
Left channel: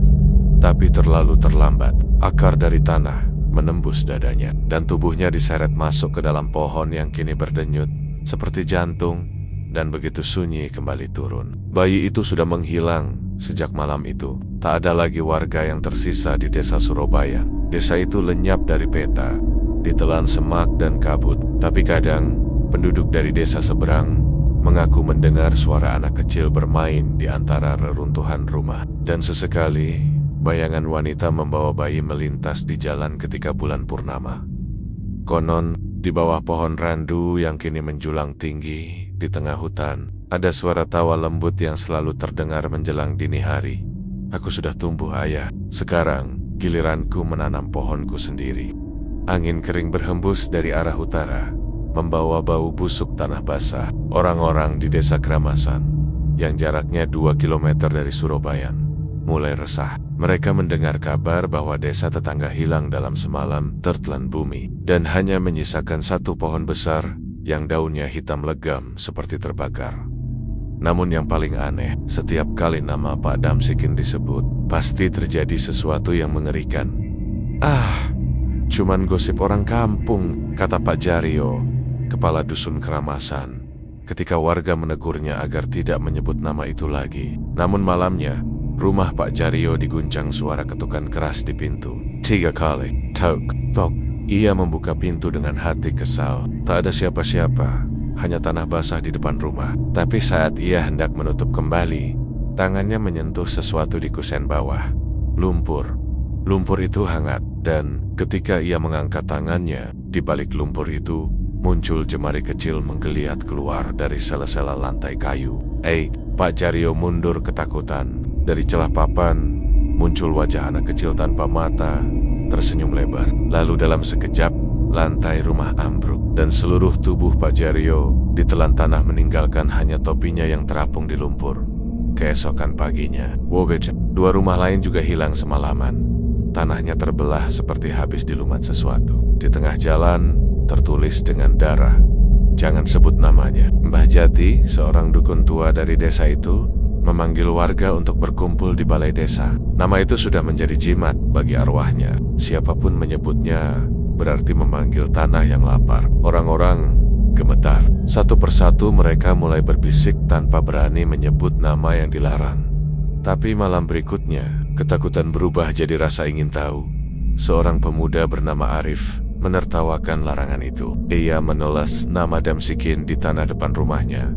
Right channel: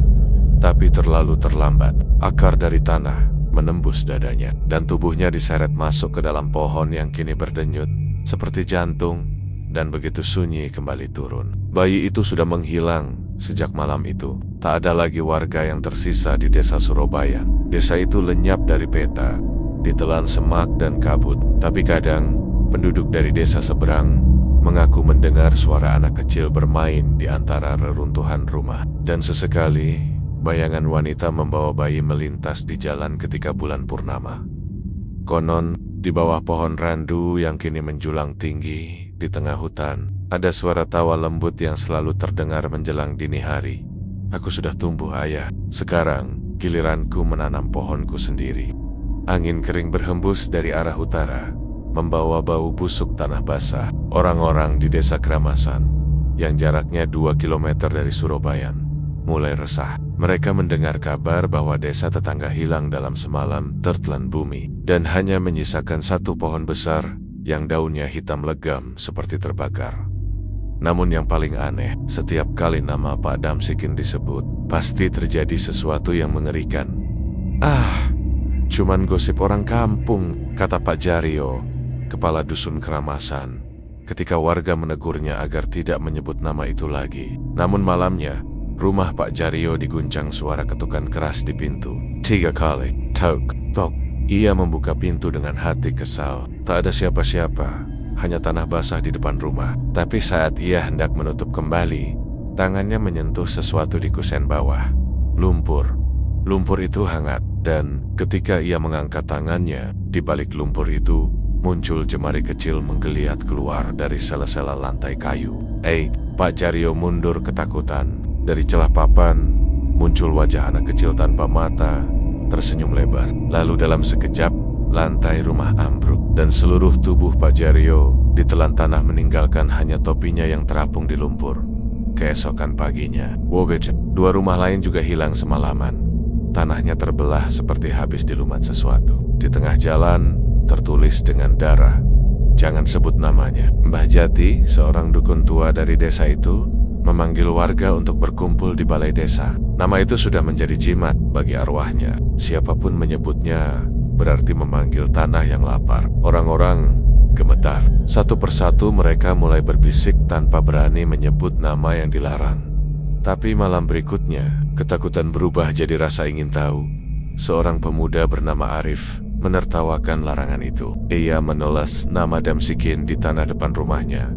Tapi terlalu terlambat. Akar dari tanah menembus dadanya, dan tubuhnya diseret masuk ke dalam pohon yang kini berdenyut seperti jantung, dan begitu sunyi kembali turun. Bayi itu sudah menghilang sejak malam itu. Tak ada lagi warga yang tersisa di desa Surabaya. Desa itu lenyap dari peta, ditelan semak dan kabut. Tapi kadang, penduduk dari desa seberang mengaku mendengar suara anak kecil bermain di antara reruntuhan rumah. Dan sesekali, bayangan wanita membawa bayi melintas di jalan ketika bulan purnama. Konon, di bawah pohon randu yang kini menjulang tinggi di tengah hutan, ada suara tawa lembut yang selalu terdengar menjelang dini hari. "Aku sudah tumbuh, Ayah. Sekarang, giliranku menanam pohonku sendiri." Angin kering berhembus dari arah utara, membawa bau busuk tanah basah. Orang-orang di desa Keramasan, yang jaraknya 2 kilometer dari Surabaya, mulai resah. Mereka mendengar kabar bahwa desa tetangga hilang dalam semalam tertelan bumi, dan hanya menyisakan satu pohon besar yang daunnya hitam legam seperti terbakar. Namun yang paling aneh, setiap kali nama Pak Damsikin disebut, pasti terjadi sesuatu yang mengerikan. "Ah, cuman gosip orang kampung," kata Pak Jaryo, kepala dusun Keramasan, ketika warga menegurnya agar tidak menyebut nama itu lagi. Namun malamnya, rumah Pak Jaryo diguncang suara ketukan keras di pintu. 3 kali, tok, tok. Ia membuka pintu dengan hati kesal. Tak ada siapa-siapa, hanya tanah basah di depan rumah. Tapi saat ia hendak menutup kembali, tangannya menyentuh sesuatu di kusen bawah. Lumpur. Lumpur itu hangat, dan ketika ia mengangkat tangannya, di balik lumpur itu muncul jemari kecil menggeliat keluar dari sela-sela lantai kayu. Pak Jaryo mundur ketakutan. Dari celah papan muncul wajah anak kecil tanpa mata, tersenyum lebar. Lalu dalam sekejap, lantai rumah ambruk, dan seluruh tubuh Pak Jaryo ditelan tanah meninggalkan hanya topinya yang terapung di lumpur. Keesokan paginya, dua rumah lain juga hilang semalaman. Tanahnya terbelah seperti habis dilumat sesuatu. Di tengah jalan, tertulis dengan darah, "Jangan sebut namanya." Mbah Jati, seorang dukun tua dari desa itu, memanggil warga untuk berkumpul di balai desa. Nama itu sudah menjadi jimat bagi arwahnya. Siapapun menyebutnya berarti memanggil tanah yang lapar. Orang-orang gemetar. Satu persatu mereka mulai berbisik tanpa berani menyebut nama yang dilarang. Tapi malam berikutnya, ketakutan berubah jadi rasa ingin tahu. Seorang pemuda bernama Arif menertawakan larangan itu. Ia menulis nama Damsikin di tanah depan rumahnya.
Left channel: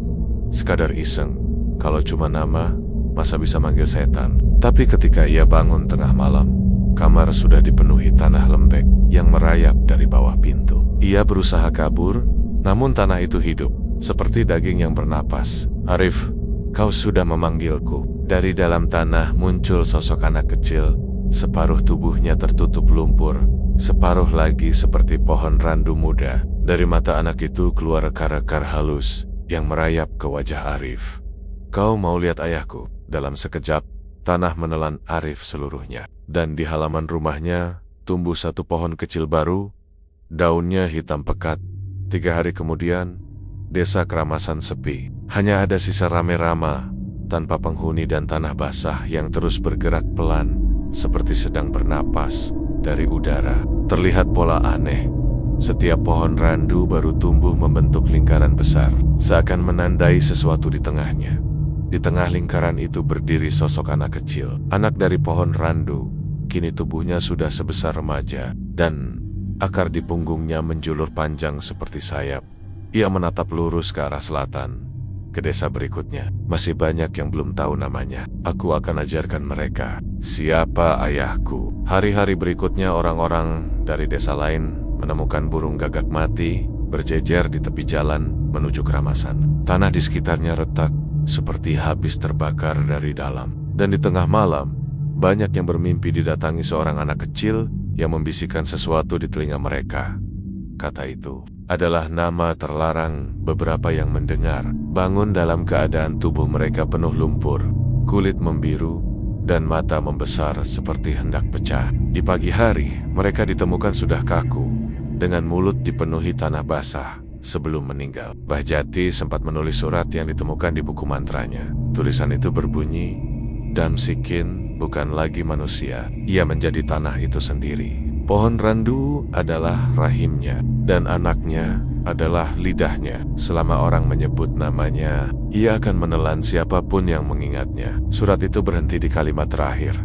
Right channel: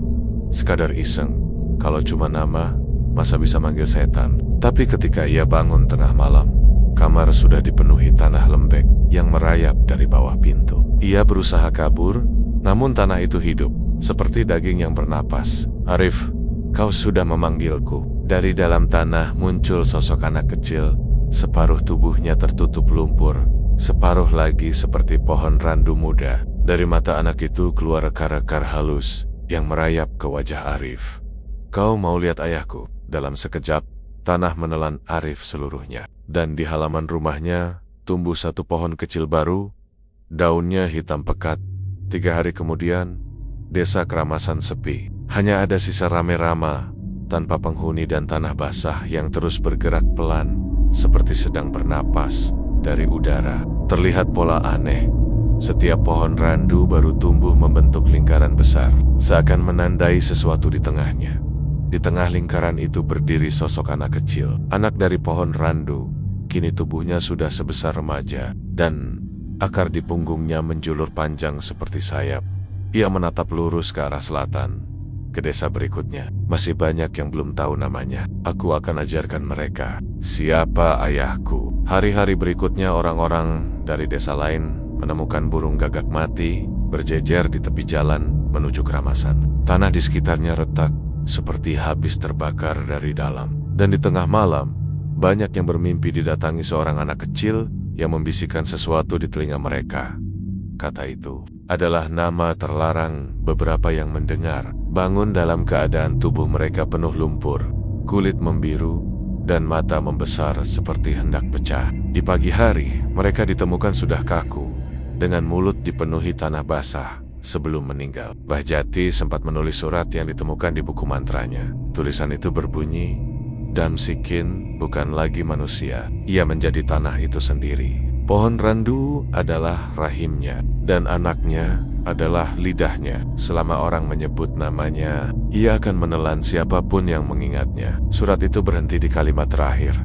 Sekadar iseng, kalau cuma nama, masa bisa manggil setan. Tapi ketika ia bangun tengah malam, kamar sudah dipenuhi tanah lembek yang merayap dari bawah pintu. Ia berusaha kabur, namun tanah itu hidup, seperti daging yang bernapas. "Arif, kau sudah memanggilku." Dari dalam tanah muncul sosok anak kecil, separuh tubuhnya tertutup lumpur, separuh lagi seperti pohon randu muda. Dari mata anak itu keluar rekar-rekar halus yang merayap ke wajah Arif. "Kau mau lihat ayahku?" Dalam sekejap, tanah menelan Arif seluruhnya. Dan di halaman rumahnya tumbuh satu pohon kecil baru, daunnya hitam pekat. 3 hari kemudian, desa Keramasan sepi. Hanya ada sisa rame-rama, tanpa penghuni dan tanah basah yang terus bergerak pelan, seperti sedang bernapas dari udara. Terlihat pola aneh. Setiap pohon randu baru tumbuh membentuk lingkaran besar, seakan menandai sesuatu di tengahnya. Di tengah lingkaran itu berdiri sosok anak kecil. Anak dari pohon randu, kini tubuhnya sudah sebesar remaja, dan akar di punggungnya menjulur panjang seperti sayap. Ia menatap lurus ke arah selatan, ke desa berikutnya. "Masih banyak yang belum tahu namanya. Aku akan ajarkan mereka siapa ayahku." Hari-hari berikutnya orang-orang dari desa lain menemukan burung gagak mati berjejer di tepi jalan menuju Keramasan. Tanah di sekitarnya retak, seperti habis terbakar dari dalam. Dan di tengah malam, banyak yang bermimpi didatangi seorang anak kecil yang membisikkan sesuatu di telinga mereka. Kata itu adalah nama terlarang. Beberapa yang mendengar bangun dalam keadaan tubuh mereka penuh lumpur, kulit membiru, dan mata membesar seperti hendak pecah. Di pagi hari, mereka ditemukan sudah kaku, dengan mulut dipenuhi tanah basah sebelum meninggal. Mbah Jati sempat menulis surat yang ditemukan di buku mantranya. Tulisan itu berbunyi, "Damsikin bukan lagi manusia, ia menjadi tanah itu sendiri. Pohon randu adalah rahimnya, dan anaknya adalah lidahnya. Selama orang menyebut namanya, ia akan menelan siapapun yang mengingatnya." Surat itu berhenti di kalimat terakhir.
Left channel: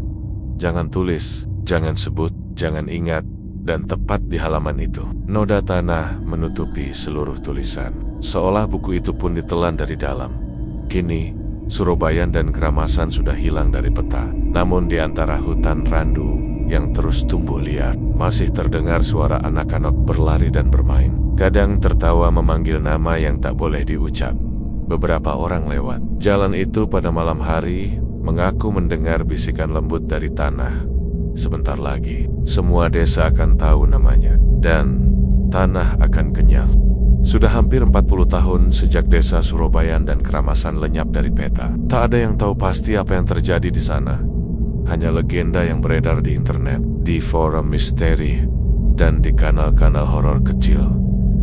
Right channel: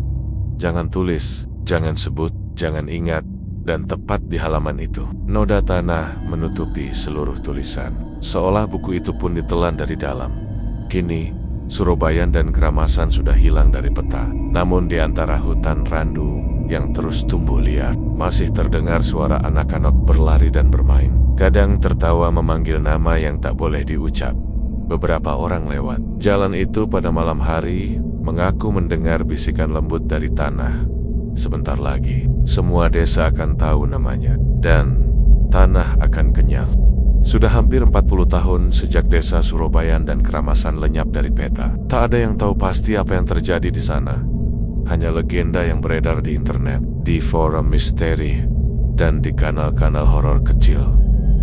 Jangan tulis, jangan sebut, jangan ingat. Dan tepat di halaman itu, noda tanah menutupi seluruh tulisan, seolah buku itu pun ditelan dari dalam. Kini, Surobayan dan Keramasan sudah hilang dari peta. Namun di antara hutan randu yang terus tumbuh liar, masih terdengar suara anak-anak berlari dan bermain. Kadang tertawa memanggil nama yang tak boleh diucap. Beberapa orang lewat jalan itu pada malam hari mengaku mendengar bisikan lembut dari tanah. Sebentar lagi, semua desa akan tahu namanya, dan tanah akan kenyal. Sudah hampir 40 tahun sejak desa Surobayan dan Keramasan lenyap dari peta. Tak ada yang tahu pasti apa yang terjadi di sana. Hanya legenda yang beredar di internet, di forum misteri, dan di kanal-kanal horor kecil.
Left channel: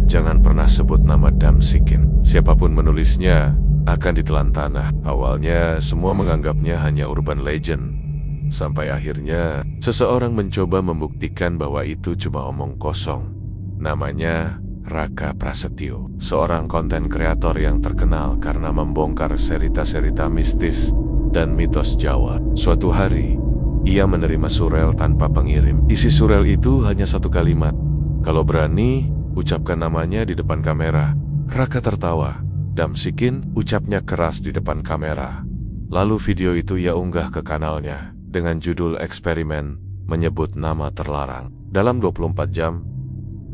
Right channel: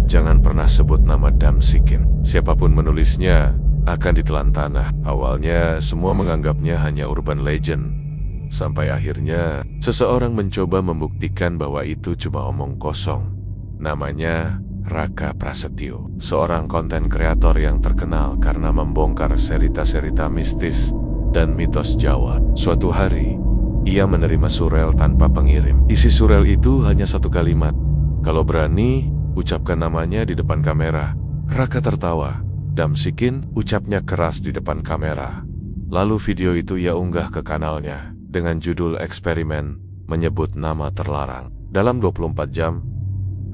Jangan pernah sebut nama Damsikin. Siapapun menulisnya akan ditelan tanah. Awalnya semua menganggapnya hanya urban legend. Sampai akhirnya, seseorang mencoba membuktikan bahwa itu cuma omong kosong. Namanya Raka Prasetyo, seorang konten kreator yang terkenal karena membongkar cerita-cerita mistis dan mitos Jawa. Suatu hari, ia menerima surel tanpa pengirim. Isi surel itu hanya satu kalimat. "Kalau berani, ucapkan namanya di depan kamera." Raka tertawa. "Damsikin," ucapnya keras di depan kamera. Lalu video itu ia unggah ke kanalnya dengan judul eksperimen menyebut nama terlarang. Dalam 24 jam,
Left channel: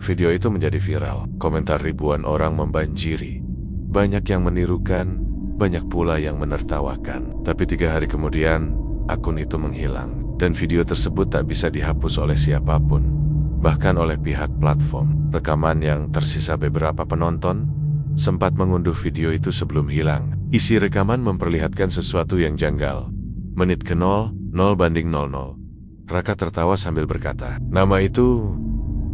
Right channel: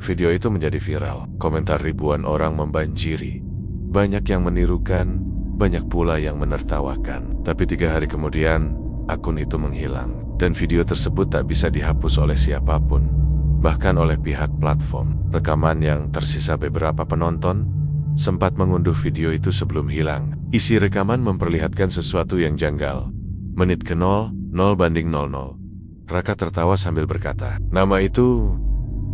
video itu menjadi viral. Komentar ribuan orang membanjiri. Banyak yang menirukan, banyak pula yang menertawakan. Tapi 3 hari kemudian, akun itu menghilang. Dan video tersebut tak bisa dihapus oleh siapapun, bahkan oleh pihak platform. Rekaman yang tersisa beberapa penonton sempat mengunduh video itu sebelum hilang. Isi rekaman memperlihatkan sesuatu yang janggal. Menit ke 0:00. Raka tertawa sambil berkata, "Nama itu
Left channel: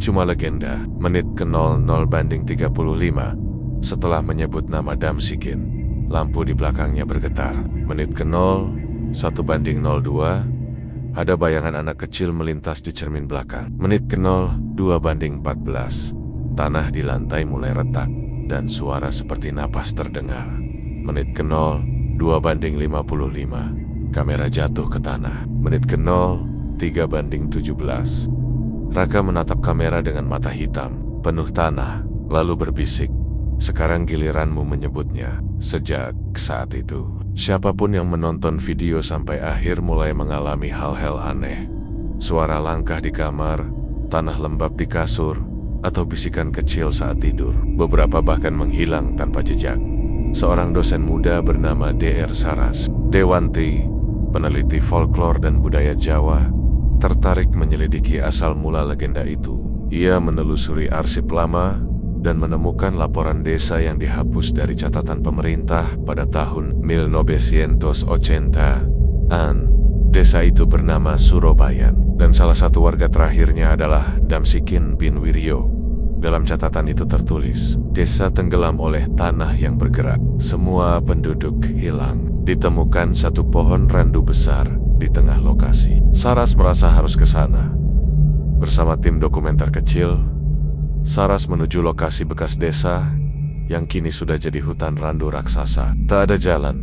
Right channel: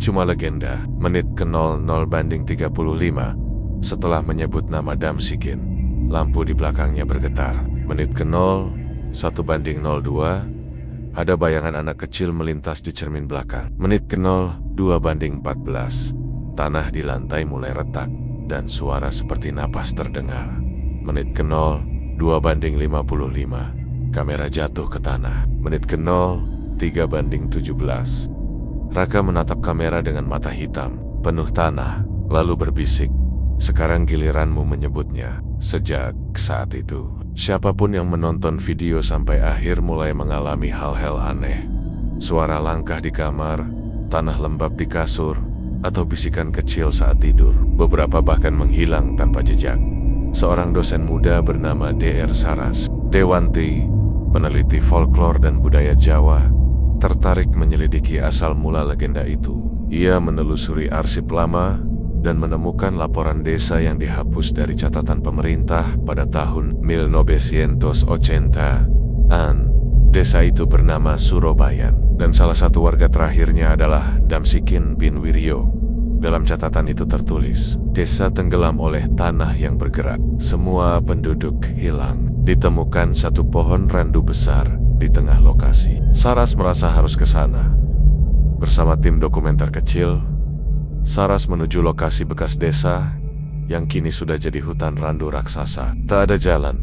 cuma legenda." Menit ke 0:35. Setelah menyebut nama Damsikin, lampu di belakangnya bergetar. Menit ke 1:02. Ada bayangan anak kecil melintas di cermin belakang. Menit ke 2:14. Tanah di lantai mulai retak dan suara seperti napas terdengar. Menit ke 2:55. Kamera jatuh ke tanah. Menit ke 3:17. Raka menatap kamera dengan mata hitam, penuh tanah, lalu berbisik, "Sekarang giliranmu menyebutnya." Sejak saat itu, siapapun yang menonton video sampai akhir mulai mengalami hal-hal aneh. Suara langkah di kamar, tanah lembab di kasur, atau bisikan kecil saat tidur. Beberapa bahkan menghilang tanpa jejak. Seorang dosen muda bernama Dr. Saras Dewanti, peneliti folklore dan budaya Jawa, tertarik menyelidiki asal mula legenda itu. Ia menelusuri arsip lama dan menemukan laporan desa yang dihapus dari catatan pemerintah pada tahun 1980. Desa itu bernama Surobayan, dan salah satu warga terakhirnya adalah Damsikin bin Wiryo. Dalam catatan itu tertulis, desa tenggelam oleh tanah yang bergerak. Semua penduduk hilang. Ditemukan satu pohon randu besar di tengah lokasi. Saras merasa harus ke sana. Bersama tim dokumenter kecil, Saras menuju lokasi bekas desa yang kini sudah jadi hutan randu raksasa. Tak ada jalan,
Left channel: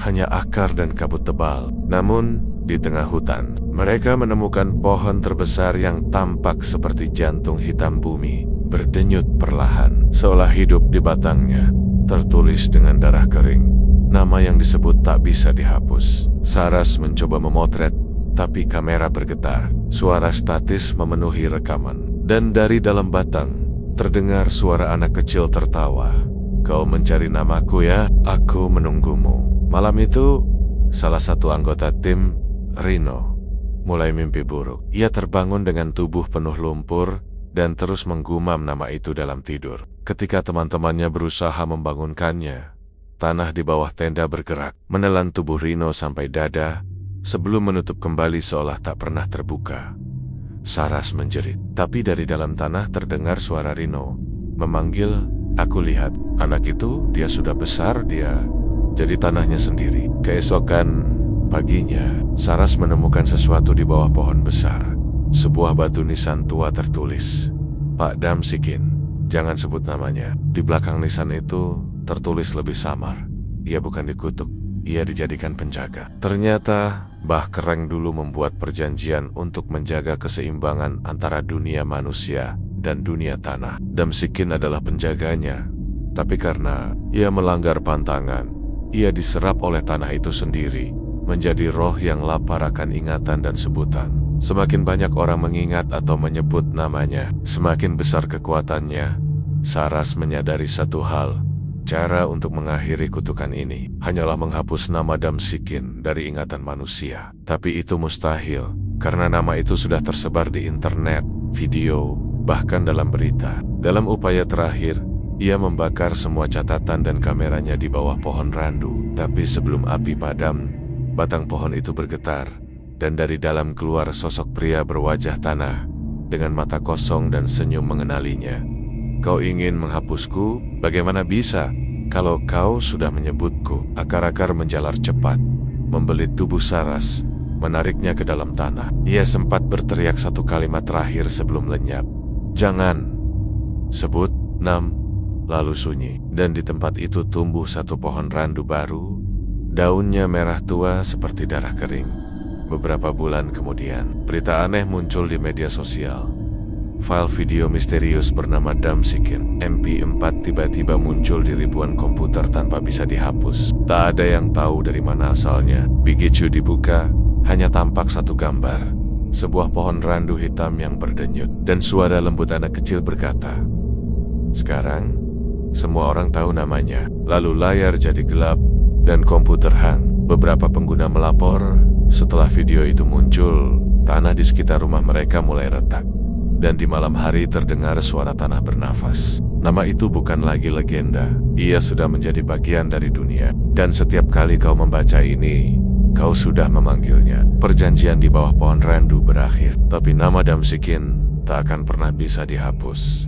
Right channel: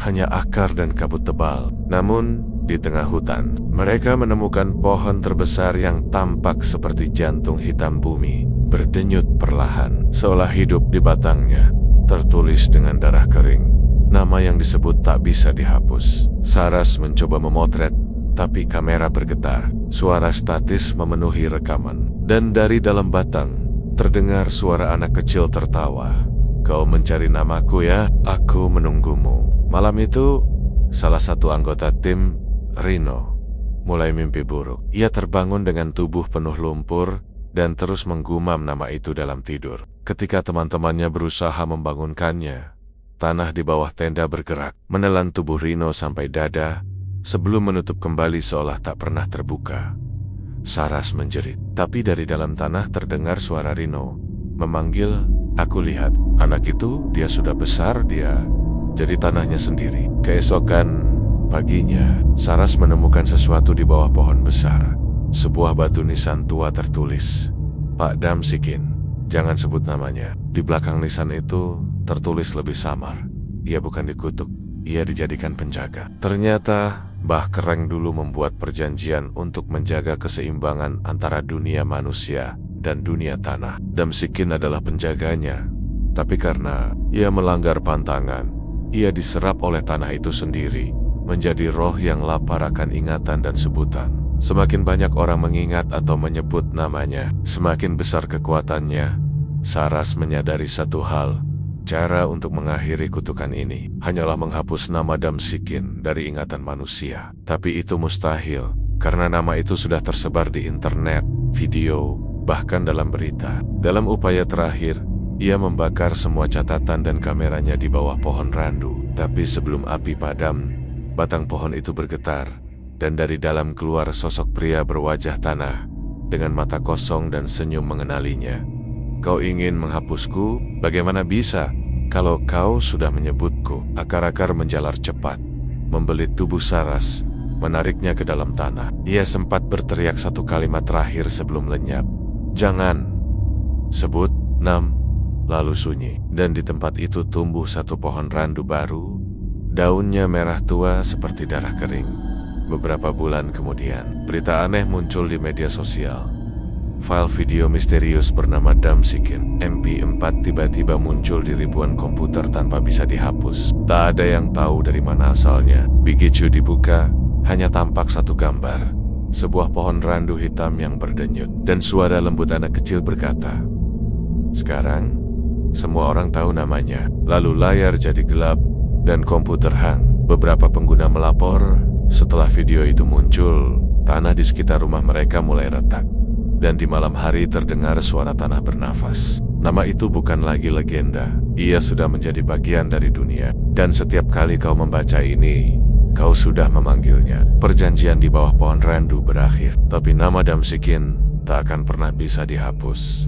hanya akar dan kabut tebal. Namun, di tengah hutan, mereka menemukan pohon terbesar yang tampak seperti jantung hitam bumi, berdenyut perlahan, seolah hidup di batangnya. Tertulis dengan darah kering, nama yang disebut tak bisa dihapus. Saras mencoba memotret, tapi kamera bergetar. Suara statis memenuhi rekaman, dan dari dalam batang terdengar suara anak kecil tertawa. "Kau mencari namaku ya? Aku menunggumu." Malam itu, salah satu anggota tim, Rino, mulai mimpi buruk. Ia terbangun dengan tubuh penuh lumpur dan terus menggumam nama itu dalam tidur. Ketika teman-temannya berusaha membangunkannya, tanah di bawah tenda bergerak, menelan tubuh Rino sampai dada, sebelum menutup kembali seolah tak pernah terbuka. Saras menjerit, tapi dari dalam tanah terdengar suara Rino memanggil, "Aku lihat, anak itu, dia sudah besar, dia jadi tanahnya sendiri." Keesokan paginya, Saras menemukan sesuatu di bawah pohon besar. Sebuah batu nisan tua tertulis, "Pak Damsikin, jangan sebut namanya." Di belakang nisan itu tertulis lebih samar, "Ia bukan dikutuk, ia dijadikan penjaga." Ternyata Mbah Kereng dulu membuat perjanjian untuk menjaga keseimbangan antara dunia manusia dan dunia tanah. Damsikin adalah penjaganya, tapi karena ia melanggar pantangan, ia diserap oleh tanah itu sendiri, menjadi roh yang lapar akan ingatan dan sebutan. Semakin banyak orang mengingat atau menyebut namanya, semakin besar kekuatannya. Saras menyadari satu hal, cara untuk mengakhiri kutukan ini hanyalah menghapus nama Damsikin dari ingatan manusia. Tapi itu mustahil, karena nama itu sudah tersebar di internet, video, bahkan dalam berita. Dalam upaya terakhir, ia membakar semua catatan dan kameranya di bawah pohon randu. Tapi sebelum api padam, batang pohon itu bergetar, dan dari dalam keluar sosok pria berwajah tanah, dengan mata kosong dan senyum mengenalinya. "Kau ingin menghapusku? Bagaimana bisa? Kalau kau sudah menyebutku." Akar-akar menjalar cepat, membelit tubuh Saras, menariknya ke dalam tanah. Ia sempat berteriak satu kalimat terakhir sebelum lenyap. "Jangan sebut nam." Lalu sunyi, dan di tempat itu tumbuh satu pohon randu baru. Daunnya merah tua seperti darah kering. Beberapa bulan kemudian, berita aneh muncul di media sosial. File video misterius bernama Damsikin MP4 tiba-tiba muncul di ribuan komputer tanpa bisa dihapus. Tak ada yang tahu dari mana asalnya. Begitu dibuka, hanya tampak satu gambar. Sebuah pohon randu hitam yang berdenyut, dan suara lembut anak kecil berkata, "Sekarang, semua orang tahu namanya." Lalu layar jadi gelap, dan komputer hang. Beberapa pengguna melapor, setelah video itu muncul, tanah di sekitar rumah mereka mulai retak. Dan di malam hari terdengar suara tanah bernafas. Nama itu bukan lagi legenda. Ia sudah menjadi bagian dari dunia. Dan setiap kali kau membaca ini, kau sudah memanggilnya. Perjanjian di bawah pohon randu berakhir. Tapi nama Damsikin tak akan pernah bisa dihapus.